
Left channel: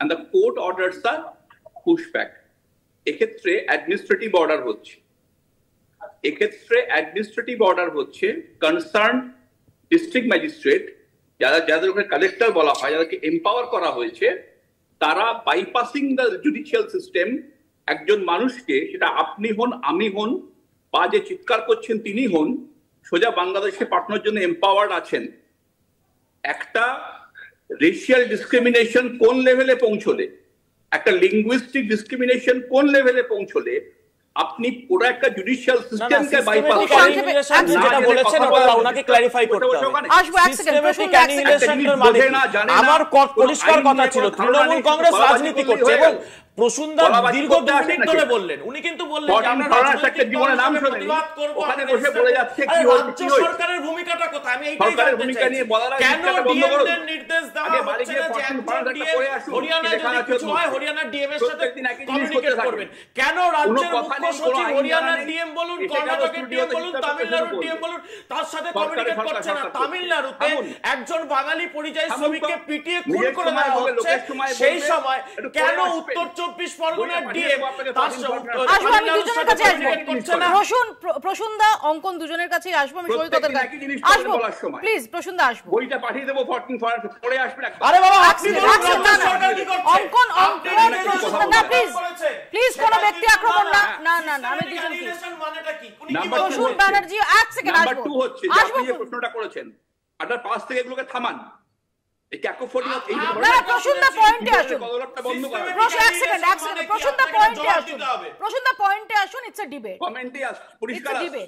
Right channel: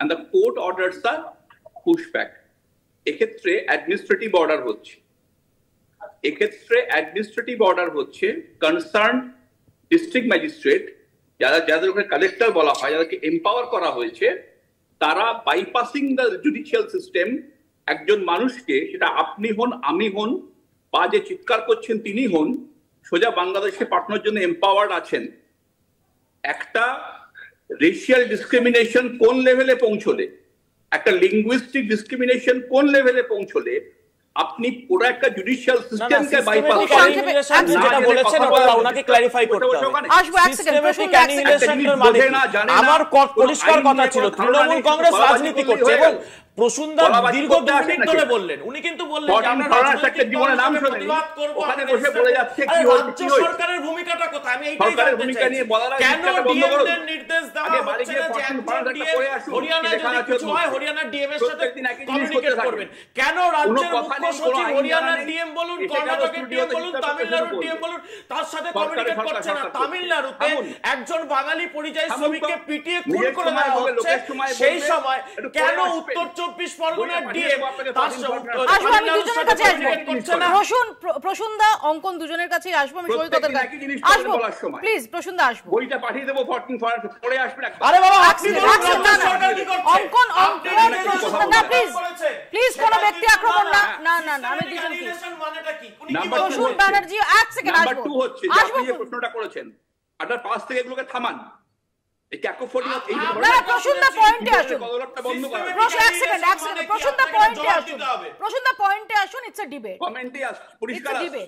and the court orders the pushback. এক্ষেত্রে অ্যাডমিনিস্ট্রেটিভ অর্ডার হচ্ছে কনসার্ন ডিস্ট্রিক্ট ম্যাজিস্ট্রেট, যাদের উপরে কালেক্টর বলা হয়, যাদেরকে এম্পাওয়ার করা হয়েছে, তারা বাইপাসিং দ্য জুডিশিয়াল সিস্টেম একজন মানুষকে, সেটা আপনি হন, আমি হন, বা যে চিৎকার করছেন তিনি হন, সোজা বাংলাদেশে পাঠানোর জন্য এম্পাওয়ার্ড আছেন। একটা রেশিয়াল ডিসক্রিমিনেশন কোন লেভেলে পৌঁছলে, একটা লিঙ্গুইস্টিক ডিসক্রিমিনেশন কোন লেভেলে পৌঁছলে আপনি পুরো একটা জুডিশিয়াল সিস্টেমকে বাইপাস করেন। যেটা বলেছেন ওনাকে ক্ল্যারিফাই করতে হবে। সিস্টেমেটিক অ্যানিহিলেশনের মানে আমার পরিষ্কার কথা ছিল, তৃণমূল কংগ্রেস রাজনীতি করছে এবং প্রসূনদা দীর্ঘ 2 মিনিট ধরে বললেন, উনি কিন্তু বললেন যে আমরা রাজনৈতিক দলের প্রতিবাদ করব, রাজ্য সরকারের ভূমিকাটা কোথায়, আমি এইটাই জানতে চাই। কেন ডিএম নির্দেশ দেওয়া হচ্ছে না যে একজন ডিএম হরিয়ানা যদি কিছু হয় হরিয়ানার ডিএম এর সাথে কমিউনিকেট করবেন? কেন রাজ্যের মুখ্য সচিব হরিয়ানার ডিএম বলুন, কর্ণাটকের ডিএম বলুন, তামিলনাড়ুর ডিএম বলুন, তার সাথে কমিউনিকেট করছে না? তামিলনাড়ুতে একজন বাঙালি পরিযায়ী শ্রমিককে পিটিয়ে খুন করে দেওয়া হচ্ছে, সেই সময় কেন উত্তর 24 পরগনার ডিএম তার প্রসূনদা অঙ্কন দুজনের কাছে আসবো, আমি সই কথা আসবো, প্লিজ প্রসূনদা আসবো, বইটা পাঠিয়ে দেবো 14 পরে আসবেন। আরে বাবা আপনি সরকার কি করছে? অঙ্কন প্রসূনদা প্লিজ কোন ব্যক্তি আক্রমণ না, আমি দুজনকে মানেটা কি? প্রসূন ব্যানার্জি এক সেকেন্ড নাম্বার 2 হচ্ছে যে আপনি যে প্রশ্নটা করেছেন, আপনার পাশ থেকে এগুলোকে থামান। এই ক্যাকোফোনি এই প্রসূনদা পয়েন্টে আসুন, এক সেকেন্ড প্রসূনদা পয়েন্টে আসুন। ইটস আ ডিবেট, কমেন্টে পরিষ্কার আছে,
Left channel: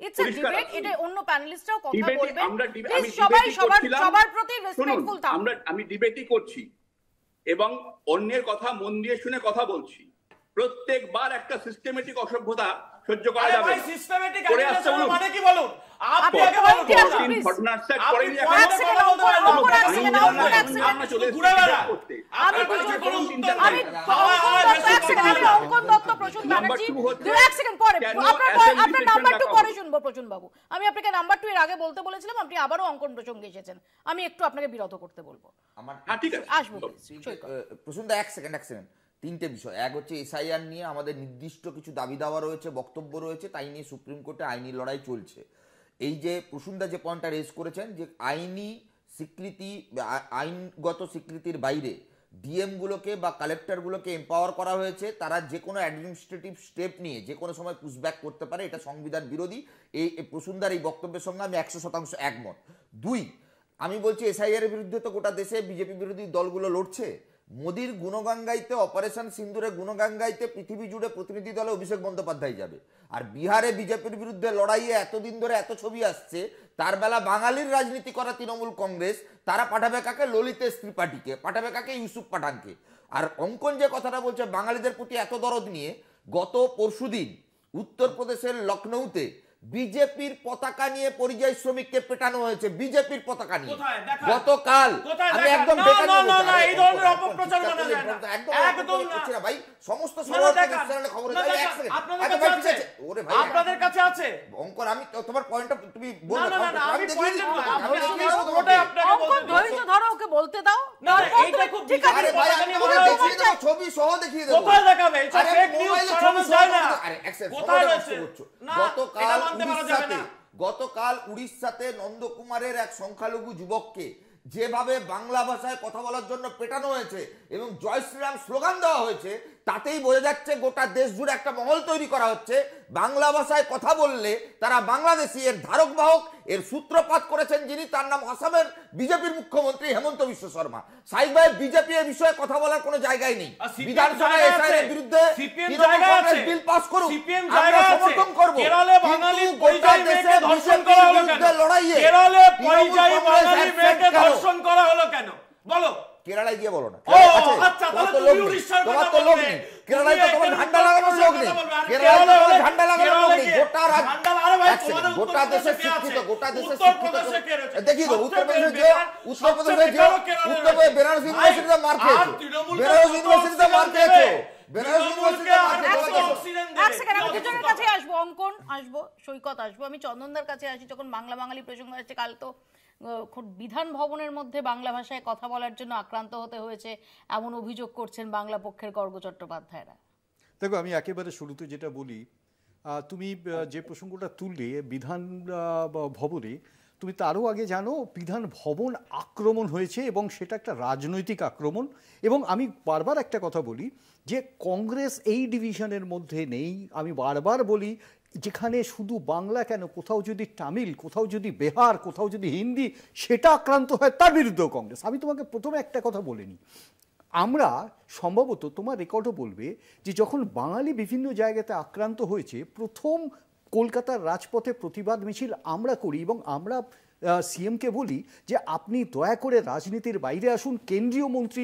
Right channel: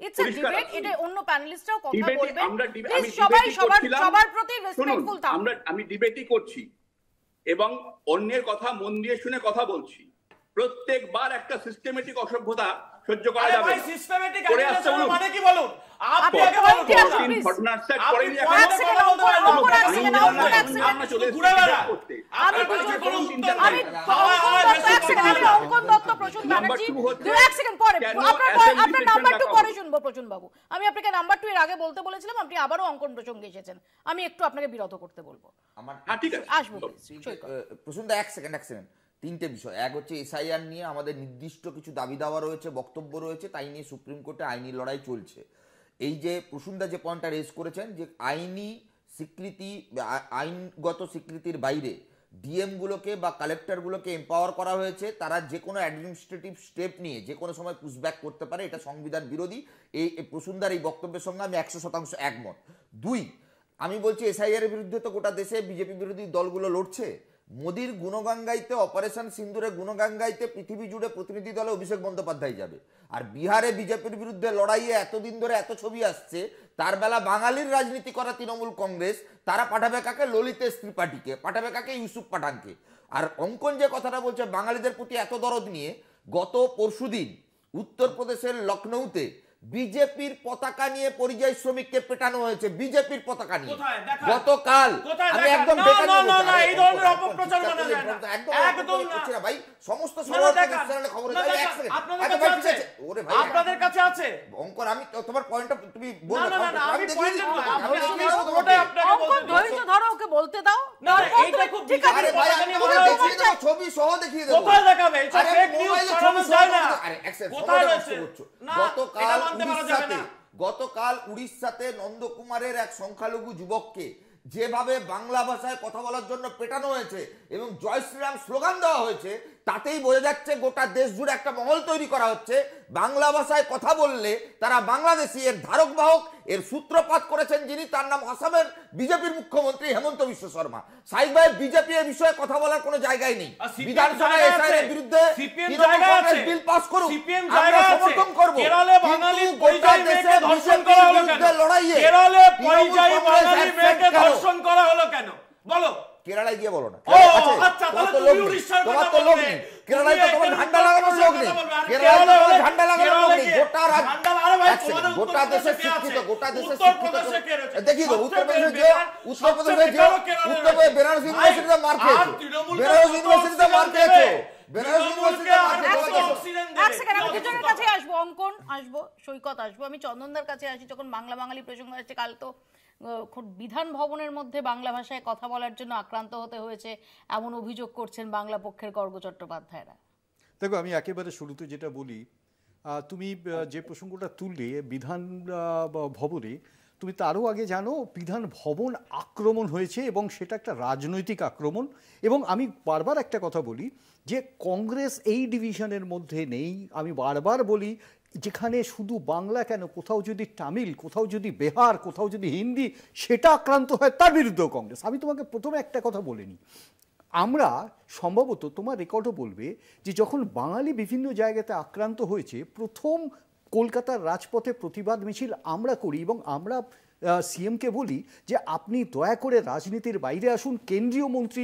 ইটস আ ডিবেট, এটা অন্য প্যানেলিস্টরাও কথা বলবেন, প্লিজ সবার প্রতি রেসপেক্টফুল থাকুন। আমি ডিবেটই করছি এবং অন্যের কথা মন দিয়ে শুনে কথা বলছি। প্রত্যেকবার একটা সিস্টেমেটিক অসভ্যতা সহ্য করা যাবে না। সিস্টেমেটিক অ্যানিহিলেশন মানে কি বলুন? আপনি আগে বলুন, আপনি ঘুরে বেড়া, আমি কিছু কোনো উত্তর নাই। অঙ্কন দত্ত, প্রসূন ব্যানার্জি, 1 সেকেন্ড পরে আপনার নাম্বার 2 পরে শুনবো। প্রসূন বাবু, আমি আপনাকে নাম্বার 2 এর আগে বলতে বলেছিলাম, আপনি আবারও অঙ্কন প্রসঙ্গে এসেছেন, আমি একটু আপনাকে বিরত করতে বলবো। আমার ঠিক আছে, আসবো প্রসূনদা এক সেকেন্ড তিনটে বিষয়। এক হচ্ছে এসআইআর নিয়ে আমাদের নির্দিষ্ট কিছু দাবি দাওয়া রয়েছে, বক্তব্য রয়েছে, তাই নিয়ে সুপ্রিম কোর্টে আইনি লড়াই চলছে। এই যে প্রসূনদা যে পয়েন্টটা রেজ করেছেন যে আইনি স্বীকৃতি, আইনগত স্বীকৃতির বাইরে ডিএম গুলোকে বা কালেক্টর গুলোকে এম্পাওয়ার করা হয়েছে, তারা যে কোনো অ্যাডমিনিস্ট্রেটিভ স্টেপ নিয়ে যে কোনো সময় পুশব্যাক করতে পারে, এটা সংবিধান বিরোধী। এই প্রসূনদার এই বক্তব্যের সঙ্গে আমি 100% একমত। দুই, আমি বলছি এসআইআর এর বিরুদ্ধে তো গোটা দেশে বিজেপি বিরোধী দলগুলো লড়ছে। মোদির গুণগান গাইতে, অপারেশন সিন্দুরে গুণগান গাইতে পৃথিবী জুড়ে প্রতিনিধি দলে অভিষেক বন্দ্যোপাধ্যায় যাবে। আর বিহারে বিজেপির বিরুদ্ধে লড়াইয়ে এতদিন ধরে এত ছবি আসছে, তার বেলা বাঙালির রাজনীতি করা তৃণমূল কংগ্রেস, তারা পাঠাবে কাকে? ললিতেশ ত্রিপাঠীকে, পাঠাবে কাকে? ইউসুফ পাঠানকে। আর অঙ্কন যে কথাটা বলছে বাঙালিদের প্রতি এত দরদ নিয়ে, গত পরশুদিন উত্তরপ্রদেশের লখনৌতে বিজেপির পতাকা নিয়ে পরিযায়ী শ্রমিককে পেটানো হয়েছে, বিজেপির পতাকা নিয়ে গতকাল। আমি একদম ভাই সমস্ত আপনাদের কাছে আছে অঙ্কন, আমি তোমার পয়েন্টটা তুমি বলতে দাও, ছবি সহ দেখিয়ে দেবো। গতকাল উড়িষ্যাতে নন্দকুমারের এক সংখ্যালঘু যুবককে যেভাবে বাংলা ভাষায় কথা বলার জন্য পেটানো হয়েছে এবং জয় শ্রীরাম স্লোগান দেওয়া হয়েছে, তাতেই বোঝা যাচ্ছে গোটা দেশ জুড়ে একটা মহল তৈরি করা হচ্ছে। বাংলা ভাষায় কথা বললে তারা বাংলাদেশি। এর ধারক বাহক, এর সূত্রপাত করেছেন যিনি, তার নাম আসামের বিজেপির মুখ্যমন্ত্রী হেমন্ত বিশ্ব শর্মা। সাইদ ভাই, বিজেপি এর বিষয়ে কথা বলার কোনো জায়গায় নেই। বিধানসভায় এসআইআর বিরুদ্ধে বিল পাস করুক, আমরা সমর্থন করব। কেরলে বাঙালি পরিযায়ী মেয়েকে ধর্ষণ করা হলো কেন? লড়াইয়ে কেরলে পরিযায়ী বাঙালি মেয়েকে ধর্ষণ করা হলো কেন? বলো। কেরালায় গিয়ে বলো না। আচ্ছা, তাহলে তুমি উড়িষ্যার কথা বলবে। কেরালায় তো তোমার ঝান্ডা লাগানোর লোক নেই। কেরালায় তো ঝান্ডা লাগানোর লোক নেই। গোটা দেশে শিক্ষিত, গোটা দেশে শিক্ষিত। দেখি তো উত্তরপ্রদেশে বেনারস ইউনিভার্সিটিতে মার খেয়েছে, বেনারস ইউনিভার্সিটিতে মার খেয়েছে, বেনারস ইউনিভার্সিটিতে কাছে আসবো, অঙ্কন আসবো, সৈকত আসবো। আমি চন্দনদার কাছে আসি। যখন বাংলা বাঙালি প্রসঙ্গ আসছে, কাল তো বিধান ভবনের মধ্যে বাংলা ভাষায় কথা বলার জন্য আক্রান্ত হতে হয়েছে এমন অভিযোগ করছেন বাংলা পক্ষের গর্গ চট্টোপাধ্যায়রা। দেখো, আমি একেবারে শুরুতে যেটা বলি, তুমি যে প্রসঙ্গটা তুললে বিধান ভবনে, তুমি তারও আগে জানো বিধান ভবন আক্রমণ হয়েছে এবং সেটা একটা রাজনৈতিক আক্রমণ। এবং আমি বারবার একটা কথা বলি যে কংগ্রেস এই ডিভিশনের মধ্যে নেই। আমি বারবার বলি, যেখানে শুধু বাংলা কেন, কোথাও যদি তামিল, কোথাও যদি বিহার, কোথাও যদি হিন্দি সেটা আক্রান্ত হয়, তার বিরুদ্ধেও কংগ্রেস। আমি তোমাকে প্রথমে একটা কথা বলে নিই, আমরা সম্ভবত, তোমার রেকর্ডও বলবে যে যখন বাঙালি বিভিন্ন জায়গাতে আক্রান্ত হয়েছে, প্রথম কলকাতার রাজপথে প্রতিবাদ মিছিল আমরা করি এবং আমরা সিএমকে বলি যে আপনি দয়া করে রাজনীতির বাইরে আসুন, কেন্দ্রীয় মন্ত্রী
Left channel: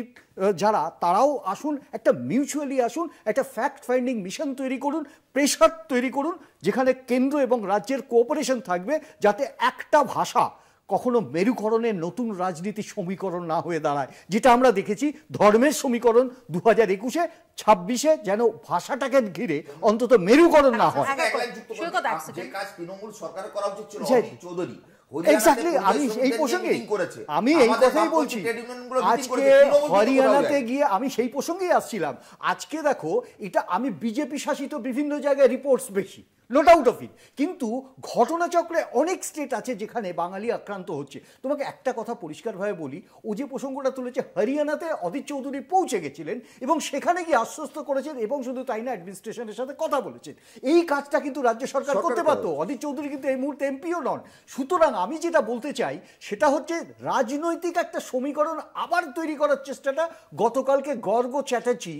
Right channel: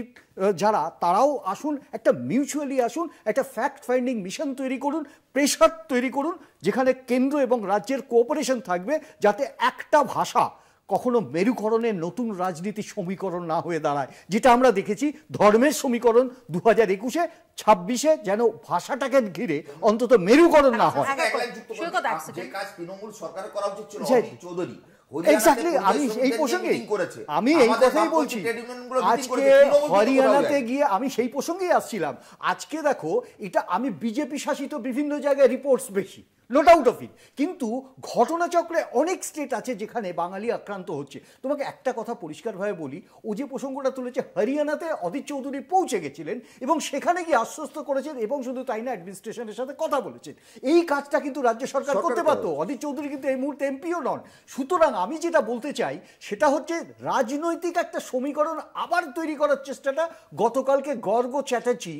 যারা তারাও আসুন, একটা মিউচুয়ালি আসুন, একটা ফ্যাক্ট ফাইন্ডিং মিশন তৈরি করুন, প্রেশার তৈরি করুন, যেখানে কেন্দ্র এবং রাজ্যের কোঅপারেশন থাকবে, যাতে একটা ভাষা কখনো মেরুকরণের নতুন রাজনীতি সমীকরণ না হয়ে দাঁড়ায়। যেটা আমরা দেখেছি ধর্মের সমীকরণ 2021-এ, 26-এ যেন ভাষাটাকে ঘিরে অন্তত মেরুকরণ না হয়। তৃণমূল সরকার করা উচিত ছিল চৌধুরী। আমি এই প্রসঙ্গেই এই কথাই বলছি। আজকে হরিয়ানাতে গিয়ে আমি সেই প্রসঙ্গেই আসছিলাম। আজকে দেখো, এটা আমি বিজেপি শাসিত বিভিন্ন জায়গায় রিপোর্টস বেশি, নো ডাউট অফ ইট, কিন্তু ঘটনাচক্রে অনেক স্টেট আছে যেখানে বাঙালি আক্রান্ত হচ্ছে। তোমাকে একটা কথা পরিষ্কারভাবে বলি, ও যে প্রসঙ্গটা তুলেছে, হরিয়ানাতে অধীর চৌধুরী পৌঁছে গেছিলেন এবং সেখানে গিয়ে আশ্বস্ত করেছেন এবং শুধু তাই না, অ্যাডমিনিস্ট্রেশনের সাথে কথা বলেছেন। এই কাজটা কিন্তু রাজ্য সরকার করতে পারতো। অধীর চৌধুরী কিন্তু এই মুহূর্তে এমপিও নন। সুতরাং আমি যেটা বলতে চাই সেটা হচ্ছে রাজনৈতিক একটা সমীকরণ আবার তৈরি করার চেষ্টাটা গতকালকে গর্গ চ্যাটার্জি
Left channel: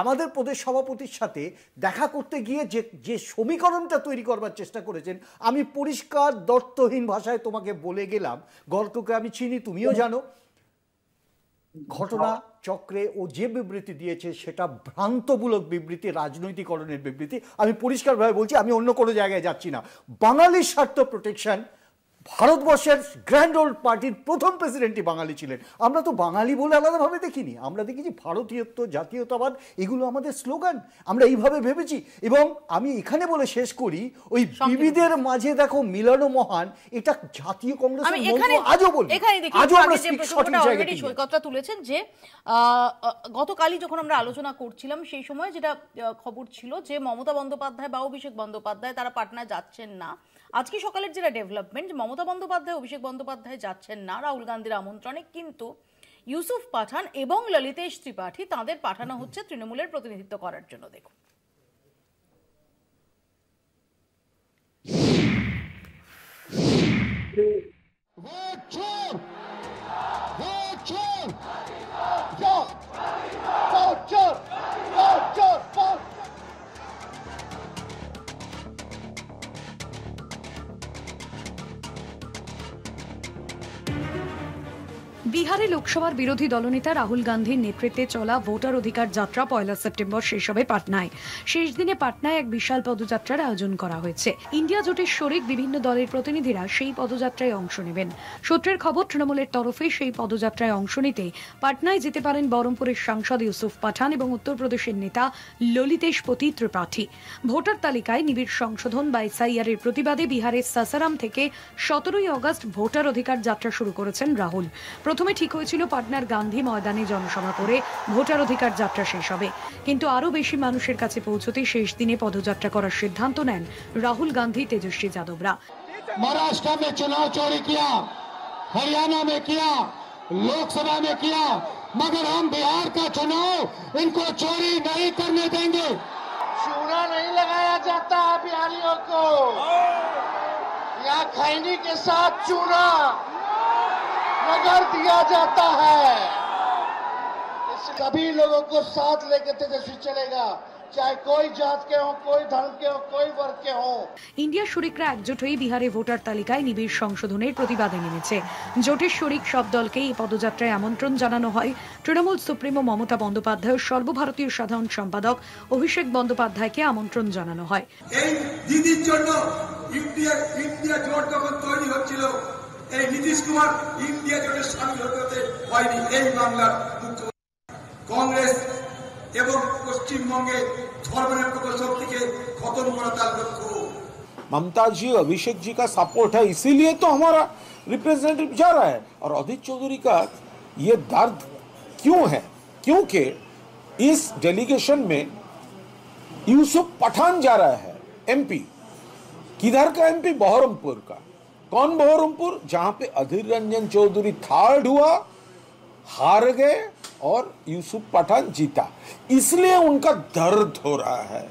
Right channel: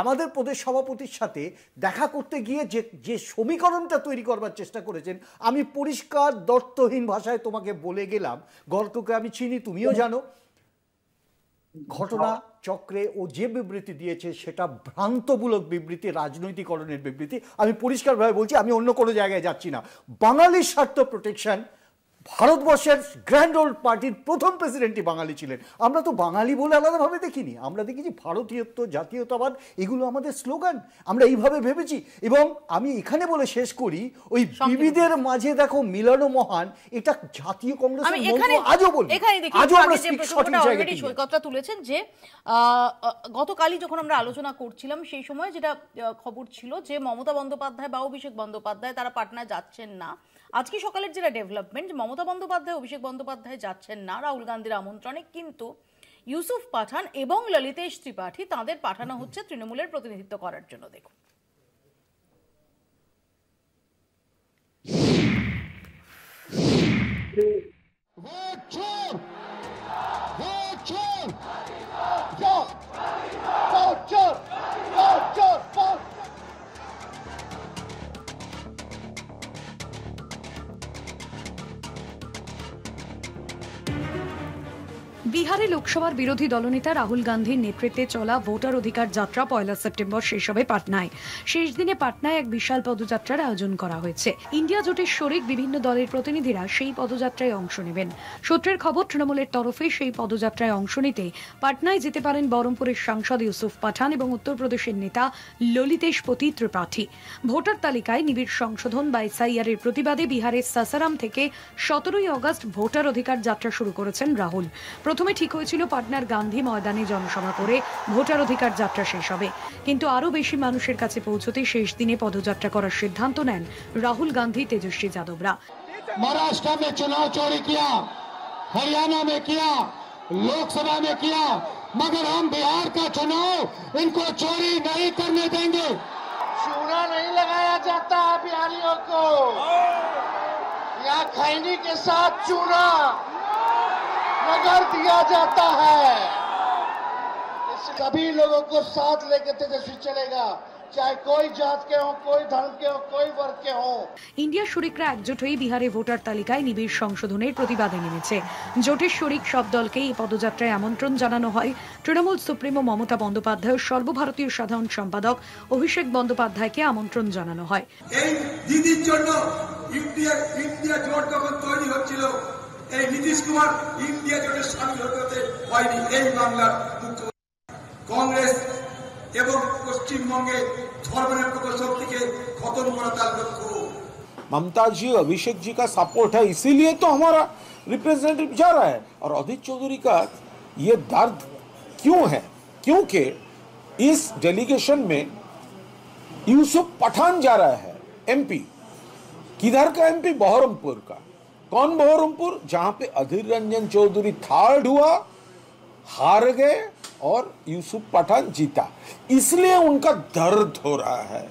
আমাদের প্রদেশ সভাপতির সাথে দেখা করতে গিয়ে যে সমীকরণটা তৈরি করবার চেষ্টা করেছেন, আমি পরিষ্কার দর্থহীন ভাষায় তোমাকে বলে গেলাম। গর্গকে আমি চিনি, তুমিও জানো। ঘটনা চক্রে ও যে বিবৃতি দিয়েছে সেটা ভ্রান্তমূলক বিবৃতি, রাজনৈতিকরণের বিবৃতি। আমি পরিষ্কারভাবে বলছি, আমি অন্য কোনো জায়গায় যাচ্ছি না। বাঙালির স্বার্থ প্রোটেকশন ভারতবর্ষের গ্র্যান্ড ওল্ড পার্টির প্রথম প্রেসিডেন্টই বাঙালি ছিলেন। আমরা তো বাঙালি বলে আলাদাভাবে দেখিনি, আমরা দেখেছি ভারতীয়ত্ব, জাতীয়তাবাদ, এগুলো আমাদের স্লোগান, আমরা এইভাবে ভেবেছি। এবং আমি এখানে বলে শেষ করি, ওই বিবিধের মাঝে দেখো মিলানো মহান, এটা জাতীয় কংগ্রেসের মন্ত্র আজও বলি, আজও আমরা সঠিক জায়গায় সৈকতরা তুলেছেন যে গতকালই যখন আমরা আলোচনা করছিলাম সেই সময় যেটা খবর ছিল যে মমতা বন্দ্যোপাধ্যায় বা অভিষেক বন্দ্যোপাধ্যায় তারা পাটনায় যাচ্ছেন না। আজকে সকালের যেটা ডেভেলপমেন্ট, মমতা বন্দ্যোপাধ্যায় অভিষেক বন্দ্যোপাধ্যায় যাচ্ছেন না রাহুল গান্ধীর আমন্ত্রণে, কিন্তু ইউসুফ পাঠান এবং ললিতেশ ত্রিপাঠী তাদের পাঠানো হচ্ছে তৃণমূলের প্রতিনিধিত্ব করার জন্য। দেখুন, বিহারে লোকসভার বিরোধী দলনেতা রাহুল গান্ধীর নেতৃত্বে চলা ভোটার অধিকার যাত্রা 1 সেপ্টেম্বর শেষ হবে পাটনায়। শেষ দিনে পাটনায় এক বিশাল পদযাত্রার আয়োজন করা হয়েছে। ইন্ডিয়া জোটের শরিক বিভিন্ন দলের প্রতিনিধিরা সেই পদযাত্রায় অংশ নেবেন। সূত্রের খবর, তৃণমূলের তরফে সেই পদযাত্রায় অংশ নিতে পাটনায় যেতে পারেন বহরমপুরের সাংসদ ইউসুফ পাঠান এবং উত্তরপ্রদেশের নেতা ললিতেশ ত্রিপাঠী। ভোটার তালিকায় নিবিড় সংশোধন বা এসআইআর এর প্রতিবাদে বিহারের সাসারাম থেকে 17 আগস্ট ভোটার অধিকার যাত্রা শুরু করেছেন রাহুল। প্রথমে ঠিক হয়েছিল পাটনার গান্ধী ময়দানে জনসভা করে ভোটার অধিকার যাত্রা শেষ হবে, কিন্তু আরো বেশি মানুষের কাছে পৌঁছতে শেষ দিনে পদযাত্রা করার সিদ্ধান্ত নেন রাহুল গান্ধী, তেজস্বী যাদবরা। महाराष्ट्र में चुनाव चोरी किया, हरियाणा में किया, लोकसभा में किया, मगर हम बिहार का चुनाव इनको चोरी नहीं करने देंगे। चूना नहीं लगाया जाता बिहारियों को, यहाँ खैनी के साथ चूना नगर दिया जाता है। सभी लोगों को साथ लेकर तेजस्वी चलेगा, चाहे कोई जात के हो, कोई धर्म के हो, कोई वर्ग के हो। ইন্ডিয়া শরিকরা একজোট হয়ে বিহারে ভোটার তালিকায় নিবিড় সংশোধনের প্রতিবাদে নেমেছে। জোটের শরিক সব দলকে এই পদযাত্রায় আমন্ত্রণ জানানো হয়। তৃণমূল সুপ্রিমো মমতা বন্দ্যোপাধ্যায়, সর্বভারতীয় সাধারণ সম্পাদক অভিষেক বন্দ্যোপাধ্যায়কে আমন্ত্রণ জানানো হয়। এই দিদির জন্য ইন্ডিয়া জোট যখন তৈরি হচ্ছিল, এই নীতিশ কুমার ইন্ডিয়া জোটের সামিল হতে হয়নি। এই বাংলার কংগ্রেস এবং পশ্চিমবঙ্গে ধর্মনিরপেক্ষ শক্তিকে खत्म करा तार लक्ष्य। ममता जी, अभिषेक जी का सपोर्ट है, इसीलिए तो हमारा रिप्रेजेंटेटिव जा रहा है। और अधीर चौधरी का ये दर्द क्यों है? क्योंकि इस डेलीगेशन में यूसुफ पठान जा रहा है, एमपी। किधर का एमपी? बहरमपुर का। कौन बहरमपुर? जहां पे अधीर रंजन चौधरी थर्ड हुआ, हार गए और यूसुफ पठान जीता, इसलिए उनका दर्द हो रहा है।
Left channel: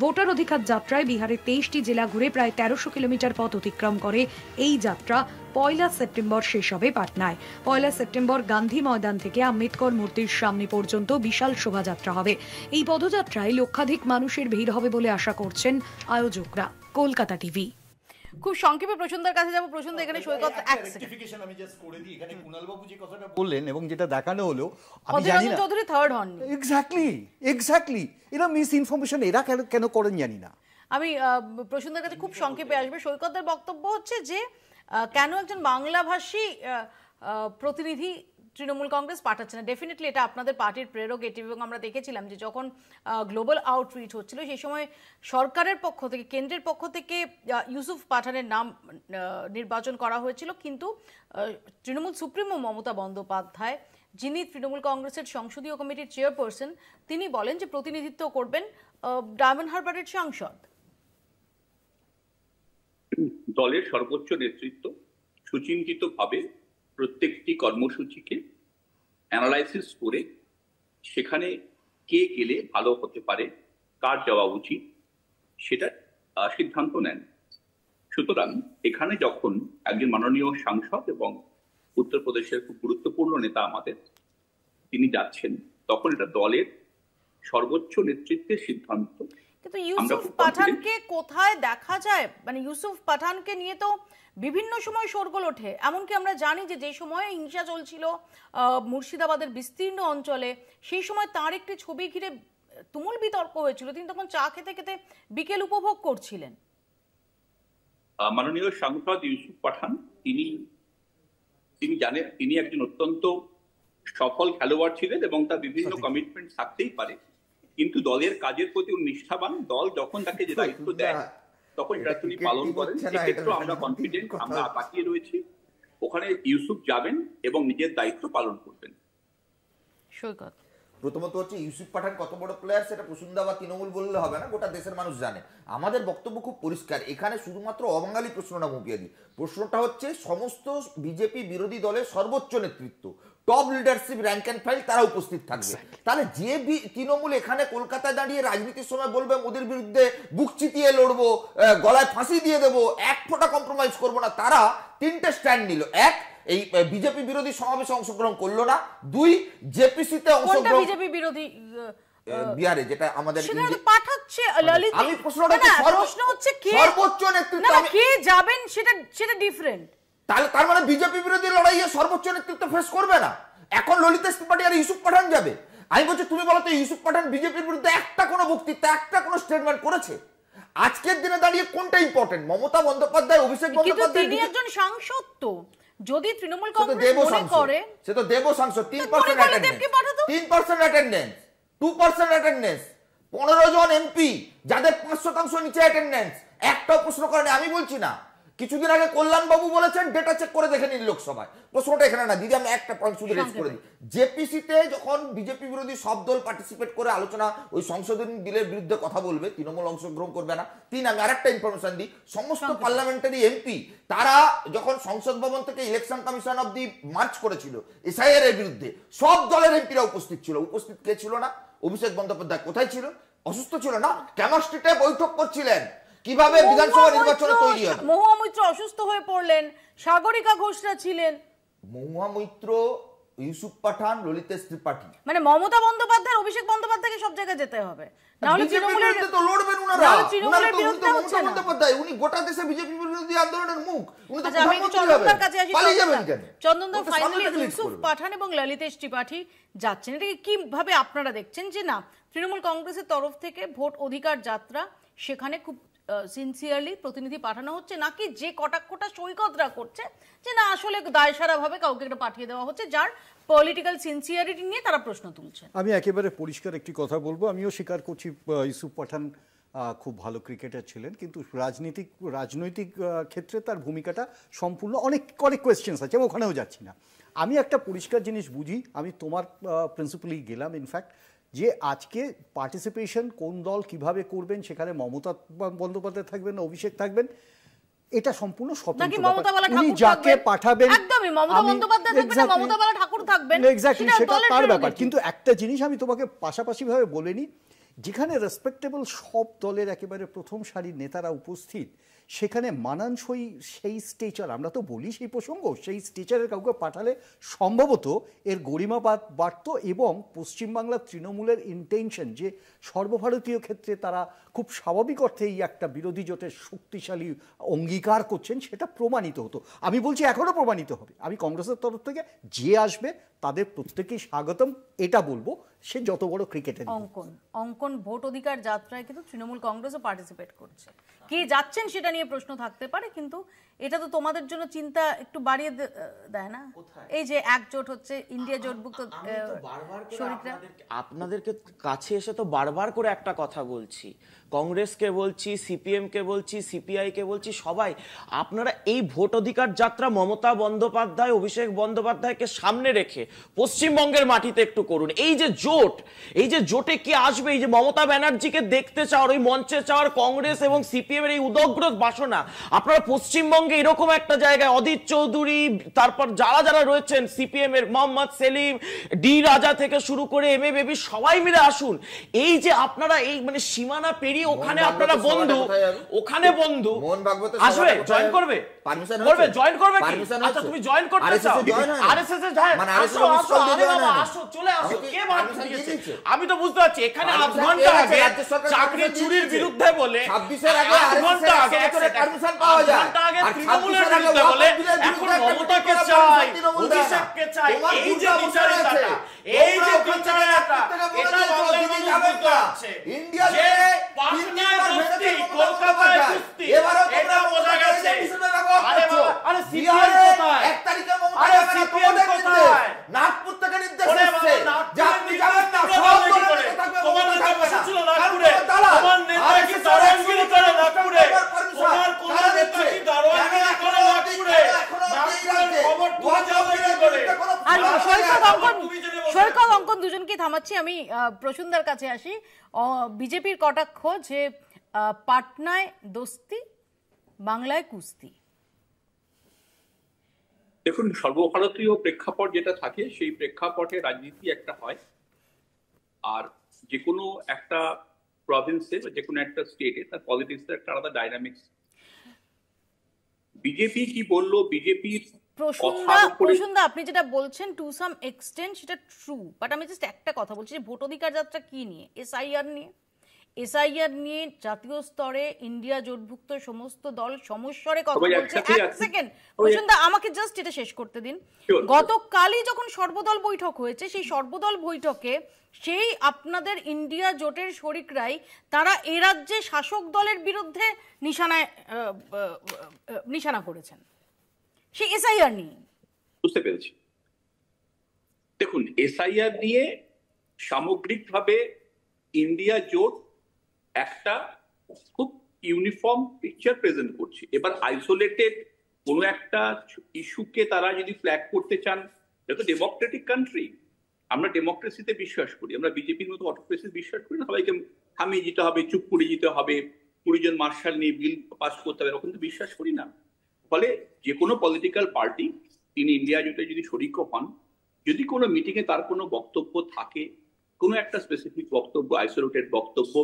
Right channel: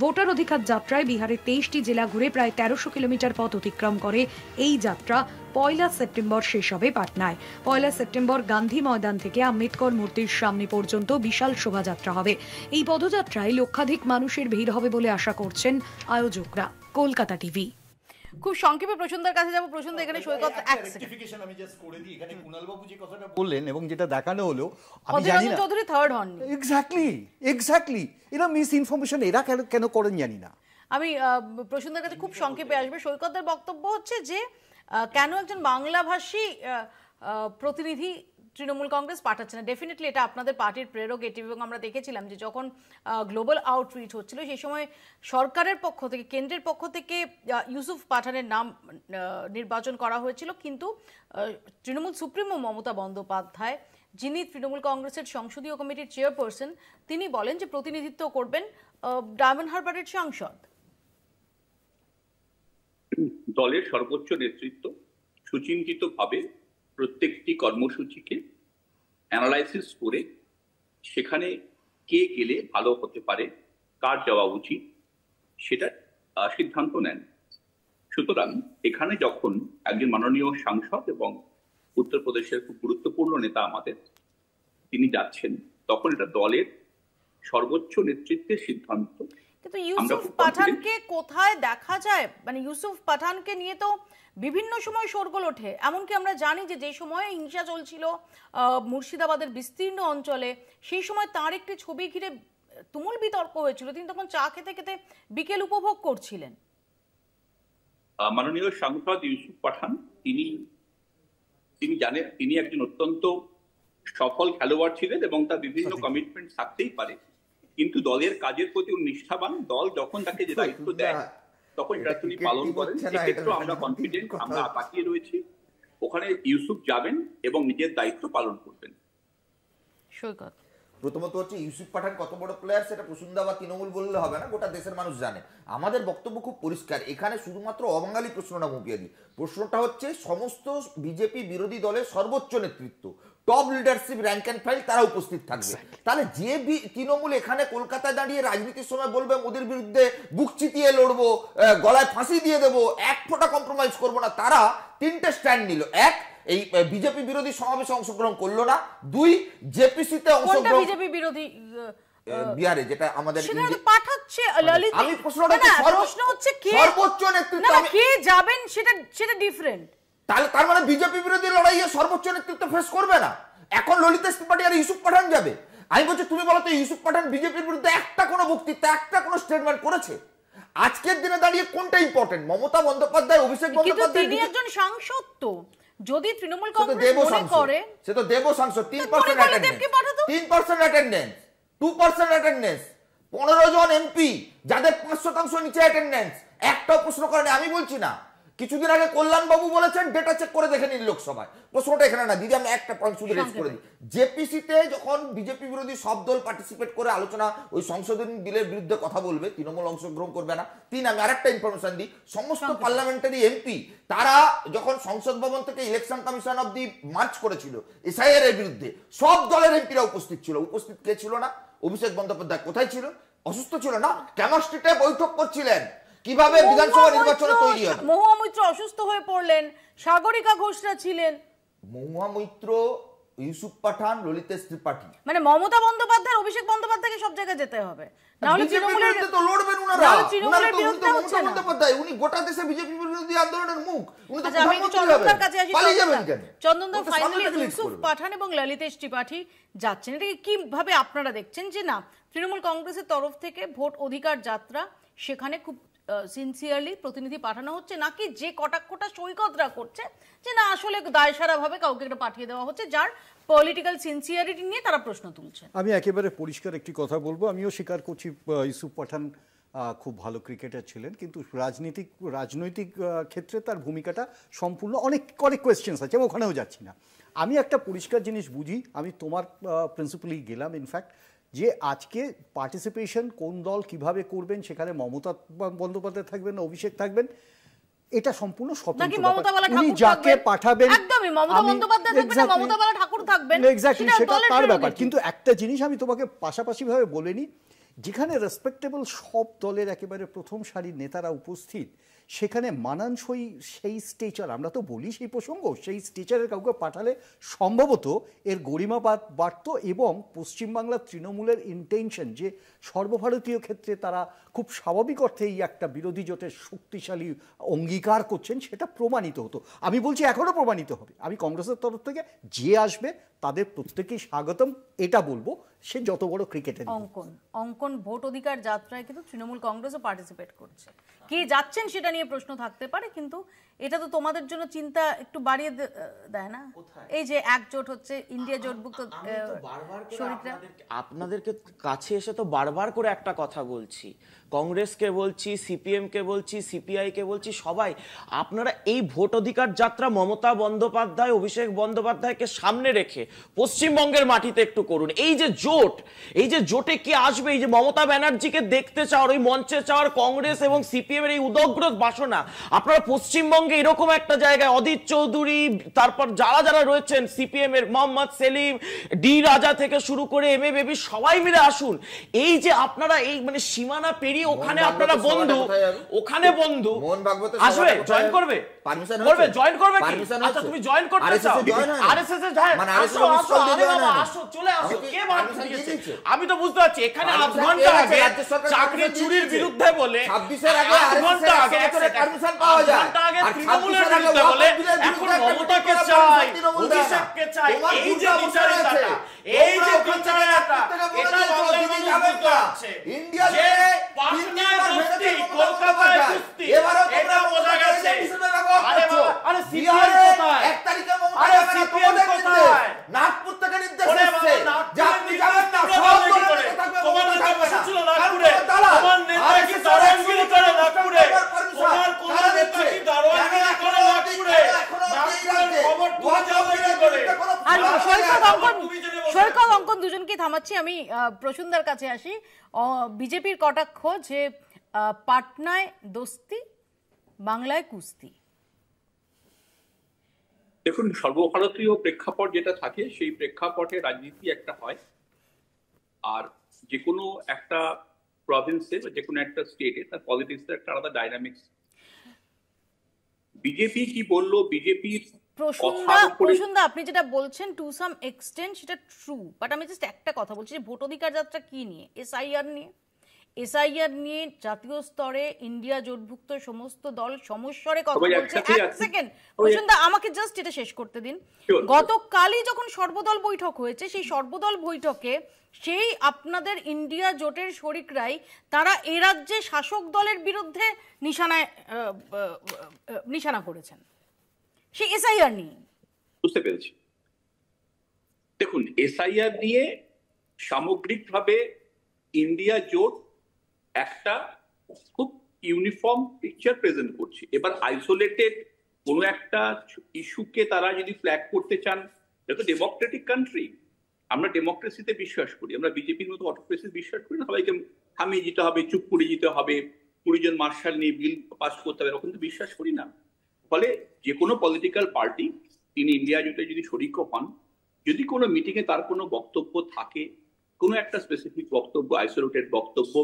ভোটার অধিকার যাত্রায় বিহারের 23টি জেলা ঘুরে প্রায় 1300 কিলোমিটার পথ অতিক্রম করে এই যাত্রা 1 সেপ্টেম্বর শেষ হবে পাটনায়। 1 সেপ্টেম্বর গান্ধী ময়দান থেকে আম্বেদকর মূর্তির সামনে পর্যন্ত বিশাল শোভাযাত্রা হবে। এই পদযাত্রায় লক্ষাধিক মানুষের ভিড় হবে বলে আশা করছেন আয়োজকরা। কলকাতা টিভি। খুব সংক্ষেপে প্রসন্দার কাছে যাব। প্রসন্দ, এখানে সৈকত রেকটিফিকেশন আমি জাস্ট করে দিই। এখানে কুণাল বাবু যে কথাটা বললেন এবং যেটা দেখানো হলো, আমি জানি না চৌধুরী থার্ড হন। এক্স্যাক্টলি এরা মিস ইনফরমেশন এরা কেন করেন জানি না। আমি প্রসন্দার কাছে খুব সংক্ষেপে আসবে। সৈকতের বক্তব্য হচ্ছে যে কেন একজন বাংলাভাষী প্রতিনিধি তৃণমূল কংগ্রেস পাঠাচ্ছে না। ডেফিনেটলি এটা আপনাদের পার্টির প্রেরোগেটিভ, এবং আমরা দেখেছিলাম যে যখন গ্লোবাল আউটরিচ হচ্ছিল সেই সময় সরকারের পক্ষ থেকে, কেন্দ্রের পক্ষ থেকে ইউসুফ পাঠানের নাম নির্বাচন করা হয়েছিল, কিন্তু তৃণমূল সুপ্রিমো মমতা বন্দ্যোপাধ্যায়, যিনি তৃণমূল কংগ্রেসের সংসদীয় কমিটির চেয়ারপারসন, তিনি বলেন যে প্রতিনিধিত্ব করবেন ডায়মন্ড হারবারের সাংসদ। দলের সর্বোচ্চ নেতৃত্ব সুচিন্তিতভাবে প্রত্যেকটি কর্মসূচিকে অ্যানালাইসিস করে সেখানে কে গেলে ভালো হতে পারে, কার যাওয়া উচিত, সেটা সিদ্ধান্ত নেন। সুতরাং এখানে যখন একজন মাননীয় সাংসদ এবং উত্তরপ্রদেশের খুব গুরুত্বপূর্ণ নেতা আমাদের তিনি যাচ্ছেন, তখন এটা দলের সর্বোচ্চ নেতৃত্বের সিদ্ধান্ত। কিন্তু ইউসুফ পাঠানকে কোথায় দেখা যায়? মানে ইউসুফ পাঠানকে নিয়ে তো বিভিন্ন সময় শোরগোল ওঠে। এমনকি আমরা জানি যে যে সময়ে হিংসা চলছিল মুর্শিদাবাদের বিস্তীর্ণ অঞ্চলে, সেই সময় তার একটি ছবি ঘিরে তুমুল বিতর্ক হয়েছিল। তিনি তখন চা খেতে খেতে বিকেল উপভোগ করছিলেন। মাননীয় সাংসদ ইউসুফ পাঠান তিনি জানেন তিনি একজন অত্যন্ত সফল খেলোয়াড় ছিলেন এবং তার বিভিন্ন কমিটমেন্ট থাকতেই পারে, কিন্তু দলের কাজের প্রতি উনি নিষ্ঠাবান। দল যখন তাকে যে দায়িত্ব দেয় তখন এটা তিনি পালন করেন। সেক্ষেত্রে আমরা কনফিডেন্ট, আমরা তাকিয়ে রয়েছি ওখানে ইউসুফ যাবেন এবং নিজের দায়িত্ব পালন করবেন। প্রথমত হচ্ছে ইউসুফ পাঠান কত বড় প্লেয়ার সেটা প্রসুন্দা বা তৃণমূল বললে হবে না, গোটা দেশের মানুষ জানে। আমাদের বক্তব্য খুব পরিষ্কার, এখানে শুধুমাত্র অবাঙালি প্রশ্নটা মুখিয়ে দিই। প্রশ্নটা হচ্ছে সমস্ত বিজেপি বিরোধী দলের সর্বোচ্চ নেতৃত্ব, top leadership, rank and file তারা উপস্থিত থাকবে। তাহলে যে তৃণমূল এখানে কলকাতায় দাঁড়িয়ে রাজনীতির সময় বলবে মোদির বিরুদ্ধে বুক চিতিয়ে লড়বো, গলায় ফাঁসি দিয়ে দেবো, এক ফোঁটা কম্প্রোমাইজ করবো না, তারা তিনটে স্ট্যান্ড নিল। এক, এই বিজেপি বিরোধী সমাবেশে অংশগ্রহণ করলো না। দুই, জেপিসিতে অংশগ্রহণ, বিজেপি বিরোধী বিহারে যেটা আমাদের পাঠাচ্ছে ললিত। আমি প্রশ্ন হচ্ছে সর্বোচ্চ নেতৃত্ব কে যাবেন সেটা ডিফারেন্ট। তার মানে বিজেপি বিরোধী লড়াইয়ে সর্বোচ্চ নেতৃত্ব ফেস করবে না। এখন ললিত ত্রিপাঠী আর ইউসুফ পাঠান যাবে। আমি বলছি তুমি বলো তো ইউসুফ পাঠান বিজেপির বিরুদ্ধে একটা কোনো বক্তৃতা, একটা কোনো স্টেটমেন্ট করেছে? আজকের দিনে দাঁড়িয়ে কোনটা ইম্পর্টেন্ট? মমতা বন্দ্যোপাধ্যায়, অভিষেক বন্দ্যোপাধ্যায়, তিনি একজন সাংসদ। তো যদি তৃণমূল কংগ্রেস মনে করে সে তো দেব সাংসদ, 3% অ্যাটেন্ডেন্স, 3% অ্যাটেন্ডেন্স, 2% অ্যাটেন্ডেন্স, 15 জন এমপি যাদের 5% নিচে অ্যাটেন্ডেন্স, একটাও প্রশ্ন করেনি। আমি বলছি না, কিছুদিন আগে কল্যাণ বাবু বলেছেন ডেটা চেক করে দেখে নিন লোকসভায়। প্রশ্নটা এখানে না দিদি, আমি একটা পয়েন্ট শুধু রেজ করে দিই। জেপিসিতে যখন বিজেপি বিরোধী সব দল পার্টিসিপেট করে আলোচনা ওই সংশোধনী বিলের বিরুদ্ধে কথা বলবে, তৃণমূল অংশগ্রহণ করবে না। আমি আরেকটা ইনফরমেশন দিই, সমস্ত পার্লামেন্টারি এমপি তারা যখন সংসদ ভবন থেকে election commission of the March করেছিল এসআইআর এর বিরুদ্ধে, সব দলের এমপিরা উপস্থিত ছিল। উপস্থিত কে ছিল না? অভিষেক বন্দ্যোপাধ্যায়। কোথায় ছিল? অসুস্থ ছিল না, কেমস্ট্রিতে বৈঠক করছিলেন কিভাবে বিধানসভা নির্বাচনে তৈরি হবে। মহুয়া মৈত্র অসুস্থ হয়ে পড়লেন, সাগরিকা ঘোষরা ছিলেন। মহুয়া মৈত্র, ইউসুফ পাঠান, ললিতেশ ত্রিপাঠী, মানে মমতা বন্দ্যোপাধ্যায়, অভিষেক বন্দ্যোপাধ্যায়কে সব জায়গায় যেতে হবে, নাহলে তৃণমূলের বিরুদ্ধে তো লড়বেন ওনারা। তৃণমূলের বিরুদ্ধে হচ্ছে না। বন্দ্যোপাধ্যায় উনি গোটা দেশে বিজেপি বিরোধী আন্দোলনের মুখ, উনি তো আমি চন্দনদার কাছে আসি। পালিয়ে যাবেন কেন? চন্দনদা, ফাইনালি ইউসুফ পাঠান এবং ললিতেশ ত্রিপাঠী যাচ্ছেন, এটাকে কিভাবে আপনারা দেখছেন? যে না, তৃণমূল কংগ্রেসের তরফ থেকে ভোট অধিকার যাত্রা, সেখানে খুব সিনসিয়ারলি প্রতিনিধি পাঠানো হচ্ছে, নাকি যে কটাক্ষটা সৈকতরা করছে যে না আসলে দায়সারা ভাবে কাউকে একটা পাঠিয়ে দেওয়া হচ্ছে যার পলিটিক্যাল সিনসিয়ারিটি নিয়ে তারা প্রশ্ন তুলছে? আমি একেবারে পরিষ্কার একটি কথা বলবো, আমিও স্বীকার করছি ইউসুফ পাঠান খুব ভালো ক্রিকেটার ছিলেন, কিন্তু রাজনৈতিক ক্ষেত্রে তার ভূমিকাটা সম্পূর্ণ অনেক কোয়েশ্চেন্স আছে, আমি ওখানেও যাচ্ছি না। আমি একটা পরিষ্কার জিনিস বুঝি, আমি তোমার প্রিন্সিপালি গেলাম ইনফ্যাক্ট, যে আজকে পার্টিসিপেশন কোন দল কিভাবে করবেন, সেখানে মমতা বন্দ্যোপাধ্যায় থাকবেন না অভিষেক থাকবেন, এটা সম্পূর্ণ স্বতন্ত্র। উনি যাকে পাঠাবেন তার ব্যাপার। কিন্তু একটা জিনিস আমি তোমাকে পাশাপাশি ভাবে বলে নিই, যেখানে রেসপেক্টেবল সব দলের একেবারে প্রথম সারির নেতারা উপস্থিত, সেখানে মানানসই সেই স্টেচার, আমরা তো বলি সেই প্রসঙ্গ, সেই স্টেচারের কাউকে পাঠালে সম্ভবত এর গরিমা বাড়ত এবং পশ্চিমবাংলার তৃণমূলের ইন্টেনশন যে সর্বভারতীয় ক্ষেত্রে তারা খুব স্বাভাবিক অর্থে এই একটা বিরোধী জোটের শক্তিশালী অঙ্গীকার করছেন সেটা প্রমাণিত হতো। আমি বলছি এখনো প্রমাণিত হবে। আমি কংগ্রেসের তরফ থেকে যে আসবে তাদের প্রত্যেকেই স্বাগতম, এটা বলবো, সে যত বড় ক্রিকেটের। অঙ্কন ভোট অধিকার যাত্রায় কিন্তু তৃণমূল কংগ্রেসও পার্টিসিপেট করছে, কে যাচ্ছেন সেটা নিয়ে প্রশ্ন থাকতে পারে, কিন্তু এটা তো তোমাদের জন্য চিন্তা একটু বাড়িয়ে দেয় না? এই যে একজোট হচ্ছে, ইন্ডিয়া জোটভুক্ত শরিকরা। আপনাদেরকে কাছে এসে তো বারবার করে একটা কথা বলছি, কংগ্রেসকে বলছি, সিপিএম কে বলছি, সিপিআই কে বলছি, সবাই আপনারা এই ভোট অধিকার যাত্রা মমতা বন্দ্যোপাধ্যায়, অভিষেক বন্দ্যোপাধ্যায়কে সামনে রেখে পশ্চিমবঙ্গের মাটিতে একটু করুন। এই যে জোটে কি আসবে, এই যে মমতা ব্যানার্জিকে দেখতে চাওয়ার, ওই মঞ্চে চাওয়ার কংগ্রেস এবং সিপিএম এর এই উদগ্র বাসনা, আপনারা পশ্চিমবঙ্গে এরকম একটা জায়গায় অদিত চৌধুরী, তারপর যারা রয়েছেন সিপিএম এর, মোহাম্মদ সেলিম, ডি রাজা থেকে শুরু করে এম এ বেবি, সবাই মিলে আসুন। এই যে আপনারা এই মানে সীমানা ওখানে আপনারা বন্ধু, ওখানে বন্ধু আসবে, জয়েন করবে, জয়েন করবে কি? আচ্ছা তুমি জয়েন করতে চাও, আরএসএস এর আসো, আরে বাবা আসো, চলে আসো, কে বাধা দিয়েছে? আমি তো বুঝতে পারছি এখানে 8 ঘন্টা আগে চাকরি চুরির বিরুদ্ধে বলে, 8 ঘন্টা আগে তৃণমূলের বিরুদ্ধে বলে, এখন মমতাকে চাই, অভিষেককে চাই। এই যে বিচারিতাটা, এই যে বিচারিতাটা, এটা বাংলাদেশে আছে। ইন্ডিয়া পাটনায় কুস্তি, কলকাতায় কুস্তি, এটা বোঝা গেছে। 1 তারিখে নাগপুর থেকে নির্দেশ এসেছে যে আপনি যাবেন না, সব দলের নেতা থাকবে, তোমার নেতা বসেছিল নাগপুরে, তোমার নেতা কি দারোয়ানগিরি করে নাগপুরে, তোমার কোন নেতা কি দারোয়ানগিরি করে নাগপুরে, নাগপুরের খবর তুমি যাবে কি করে? আর সৈকত অঙ্কন দুজনকে থামাচ্ছি আমি। প্রসূনদার কাছে আসি। বিজেপির কটাক্ষ যে পাটনায় দোস্তি, বাংলায় কুস্তি। দেখুন, সর্বভারতীয় প্রেক্ষাপট যেটা থাকে সেই প্রেক্ষাপটে রাজনীতি একটা হয়, আর যে কোনো একটা প্রভিন্সে বা যে কোনো একটা স্টেটে তার পলিটিক্সের একটা আলাদা ডাইনামিক্স। বিজেপি কি বললো, বিজেপির প্রসূনদা আপনি যেটা বলছেন টু সাম এক্সটেন্ট সেটা ট্রু, বাট আমি জাস্ট একটা কথা বলছি যে ভোট অধিকার যাত্রা কি নিয়ে? এসআইআর নিয়ে। এসআইআর নিয়ে জাতীয় স্তরে ইন্ডিয়া জোটভুক্ত সমস্ত দল সমস্বরে কথা বলছে। এক সেকেন্ড প্রসূনদা, আমাকে জাস্ট এটা শেষ করতে দিন। গতকালই যখন সর্বদল বৈঠক হয়েছে, সেই সর্বদল বৈঠকে সেই আপনাদের ইন্ডিয়া জোটের শরিকরাই তারা এ রাজ্যে শাসক দলের বিরুদ্ধে নিশানা করেছেন সেই এসআইআর নিয়ে। বুঝতে পেরেছি। দেখুন, এসআইআর নিয়ে সামগ্রিকভাবে ইন্ডিয়া জোট একটা খুব ইউনিফর্ম পিকচার প্রেজেন্ট করছে। এবার আইসোলেটেড কোনো একটা ইস্যুকে তারা যদি ফ্ল্যাগ করতে চান, এটা তো ডেমোক্রেটিক কান্ট্রি, আমরা ডেমোক্রেসিতে বিশ্বাস করি, আমরা বিজেপির মতো অটোক্রেসি বিশ্বাস করি না। সবাইকে থামিয়ে যেতে হবে, চুপ করে যেতে হবে, 20 জন মার্শাল নিয়ে বিল পাস করতে হবে, এরকম তো বিশ্বাস করি না। ফলে যে কোনো পলিটিক্যাল পার্টি তিনি ইন্ডিয়া জোটে যদি শরিক হন, যদি কোনো মিটিংয়ে তার কোনো বক্তব্য থাকে, কোনো একটা স্পেসিফিক বক্তব্য, আইসোলেটেড বক্তব্য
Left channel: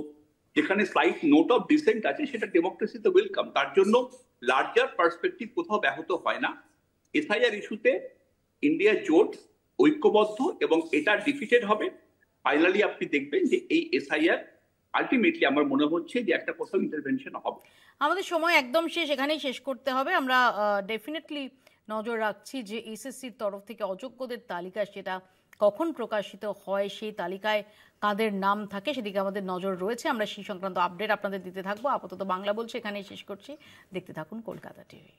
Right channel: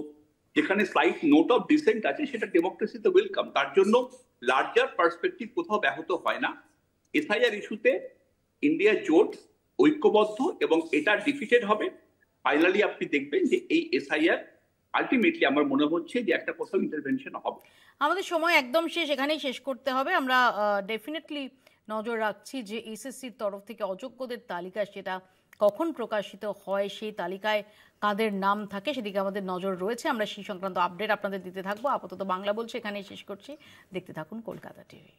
যেখানে স্লাইট নোট অফ ডিসেন্ট আছে, সেটা ডেমোক্রেসিতে ওয়েলকাম। তার জন্য লার্জার পার্সপেক্টিভ কোথাও ব্যাহত হয় না। এসআইআর ইস্যুতে ইন্ডিয়া জোট ঐক্যবদ্ধ এবং এটা ডিফিটেড হবে। ফাইনালি আপনি দেখবেন যে এই এসআইআর আলটিমেটলি আমার মনে হচ্ছে যে একটা কোথাও ইন্টারভেনশন হবে। আমাদের সময় একদম শেষ, এখানেই শেষ করতে হবে। আমরা ডেফিনেটলি নজর রাখছি যে এসএসসির তরফ থেকে অযোগ্যদের তালিকা সেটা কখন প্রকাশিত হয়, সেই তালিকায় কাদের নাম থাকে সেদিকে আমাদের নজর রয়েছে। আমরা সেই সংক্রান্ত আপডেট আপনাদের দিতে থাকবো। আপাতত বাংলা বলছে এখানেই শেষ করছি। দেখতে থাকুন কলকাতা টিভি।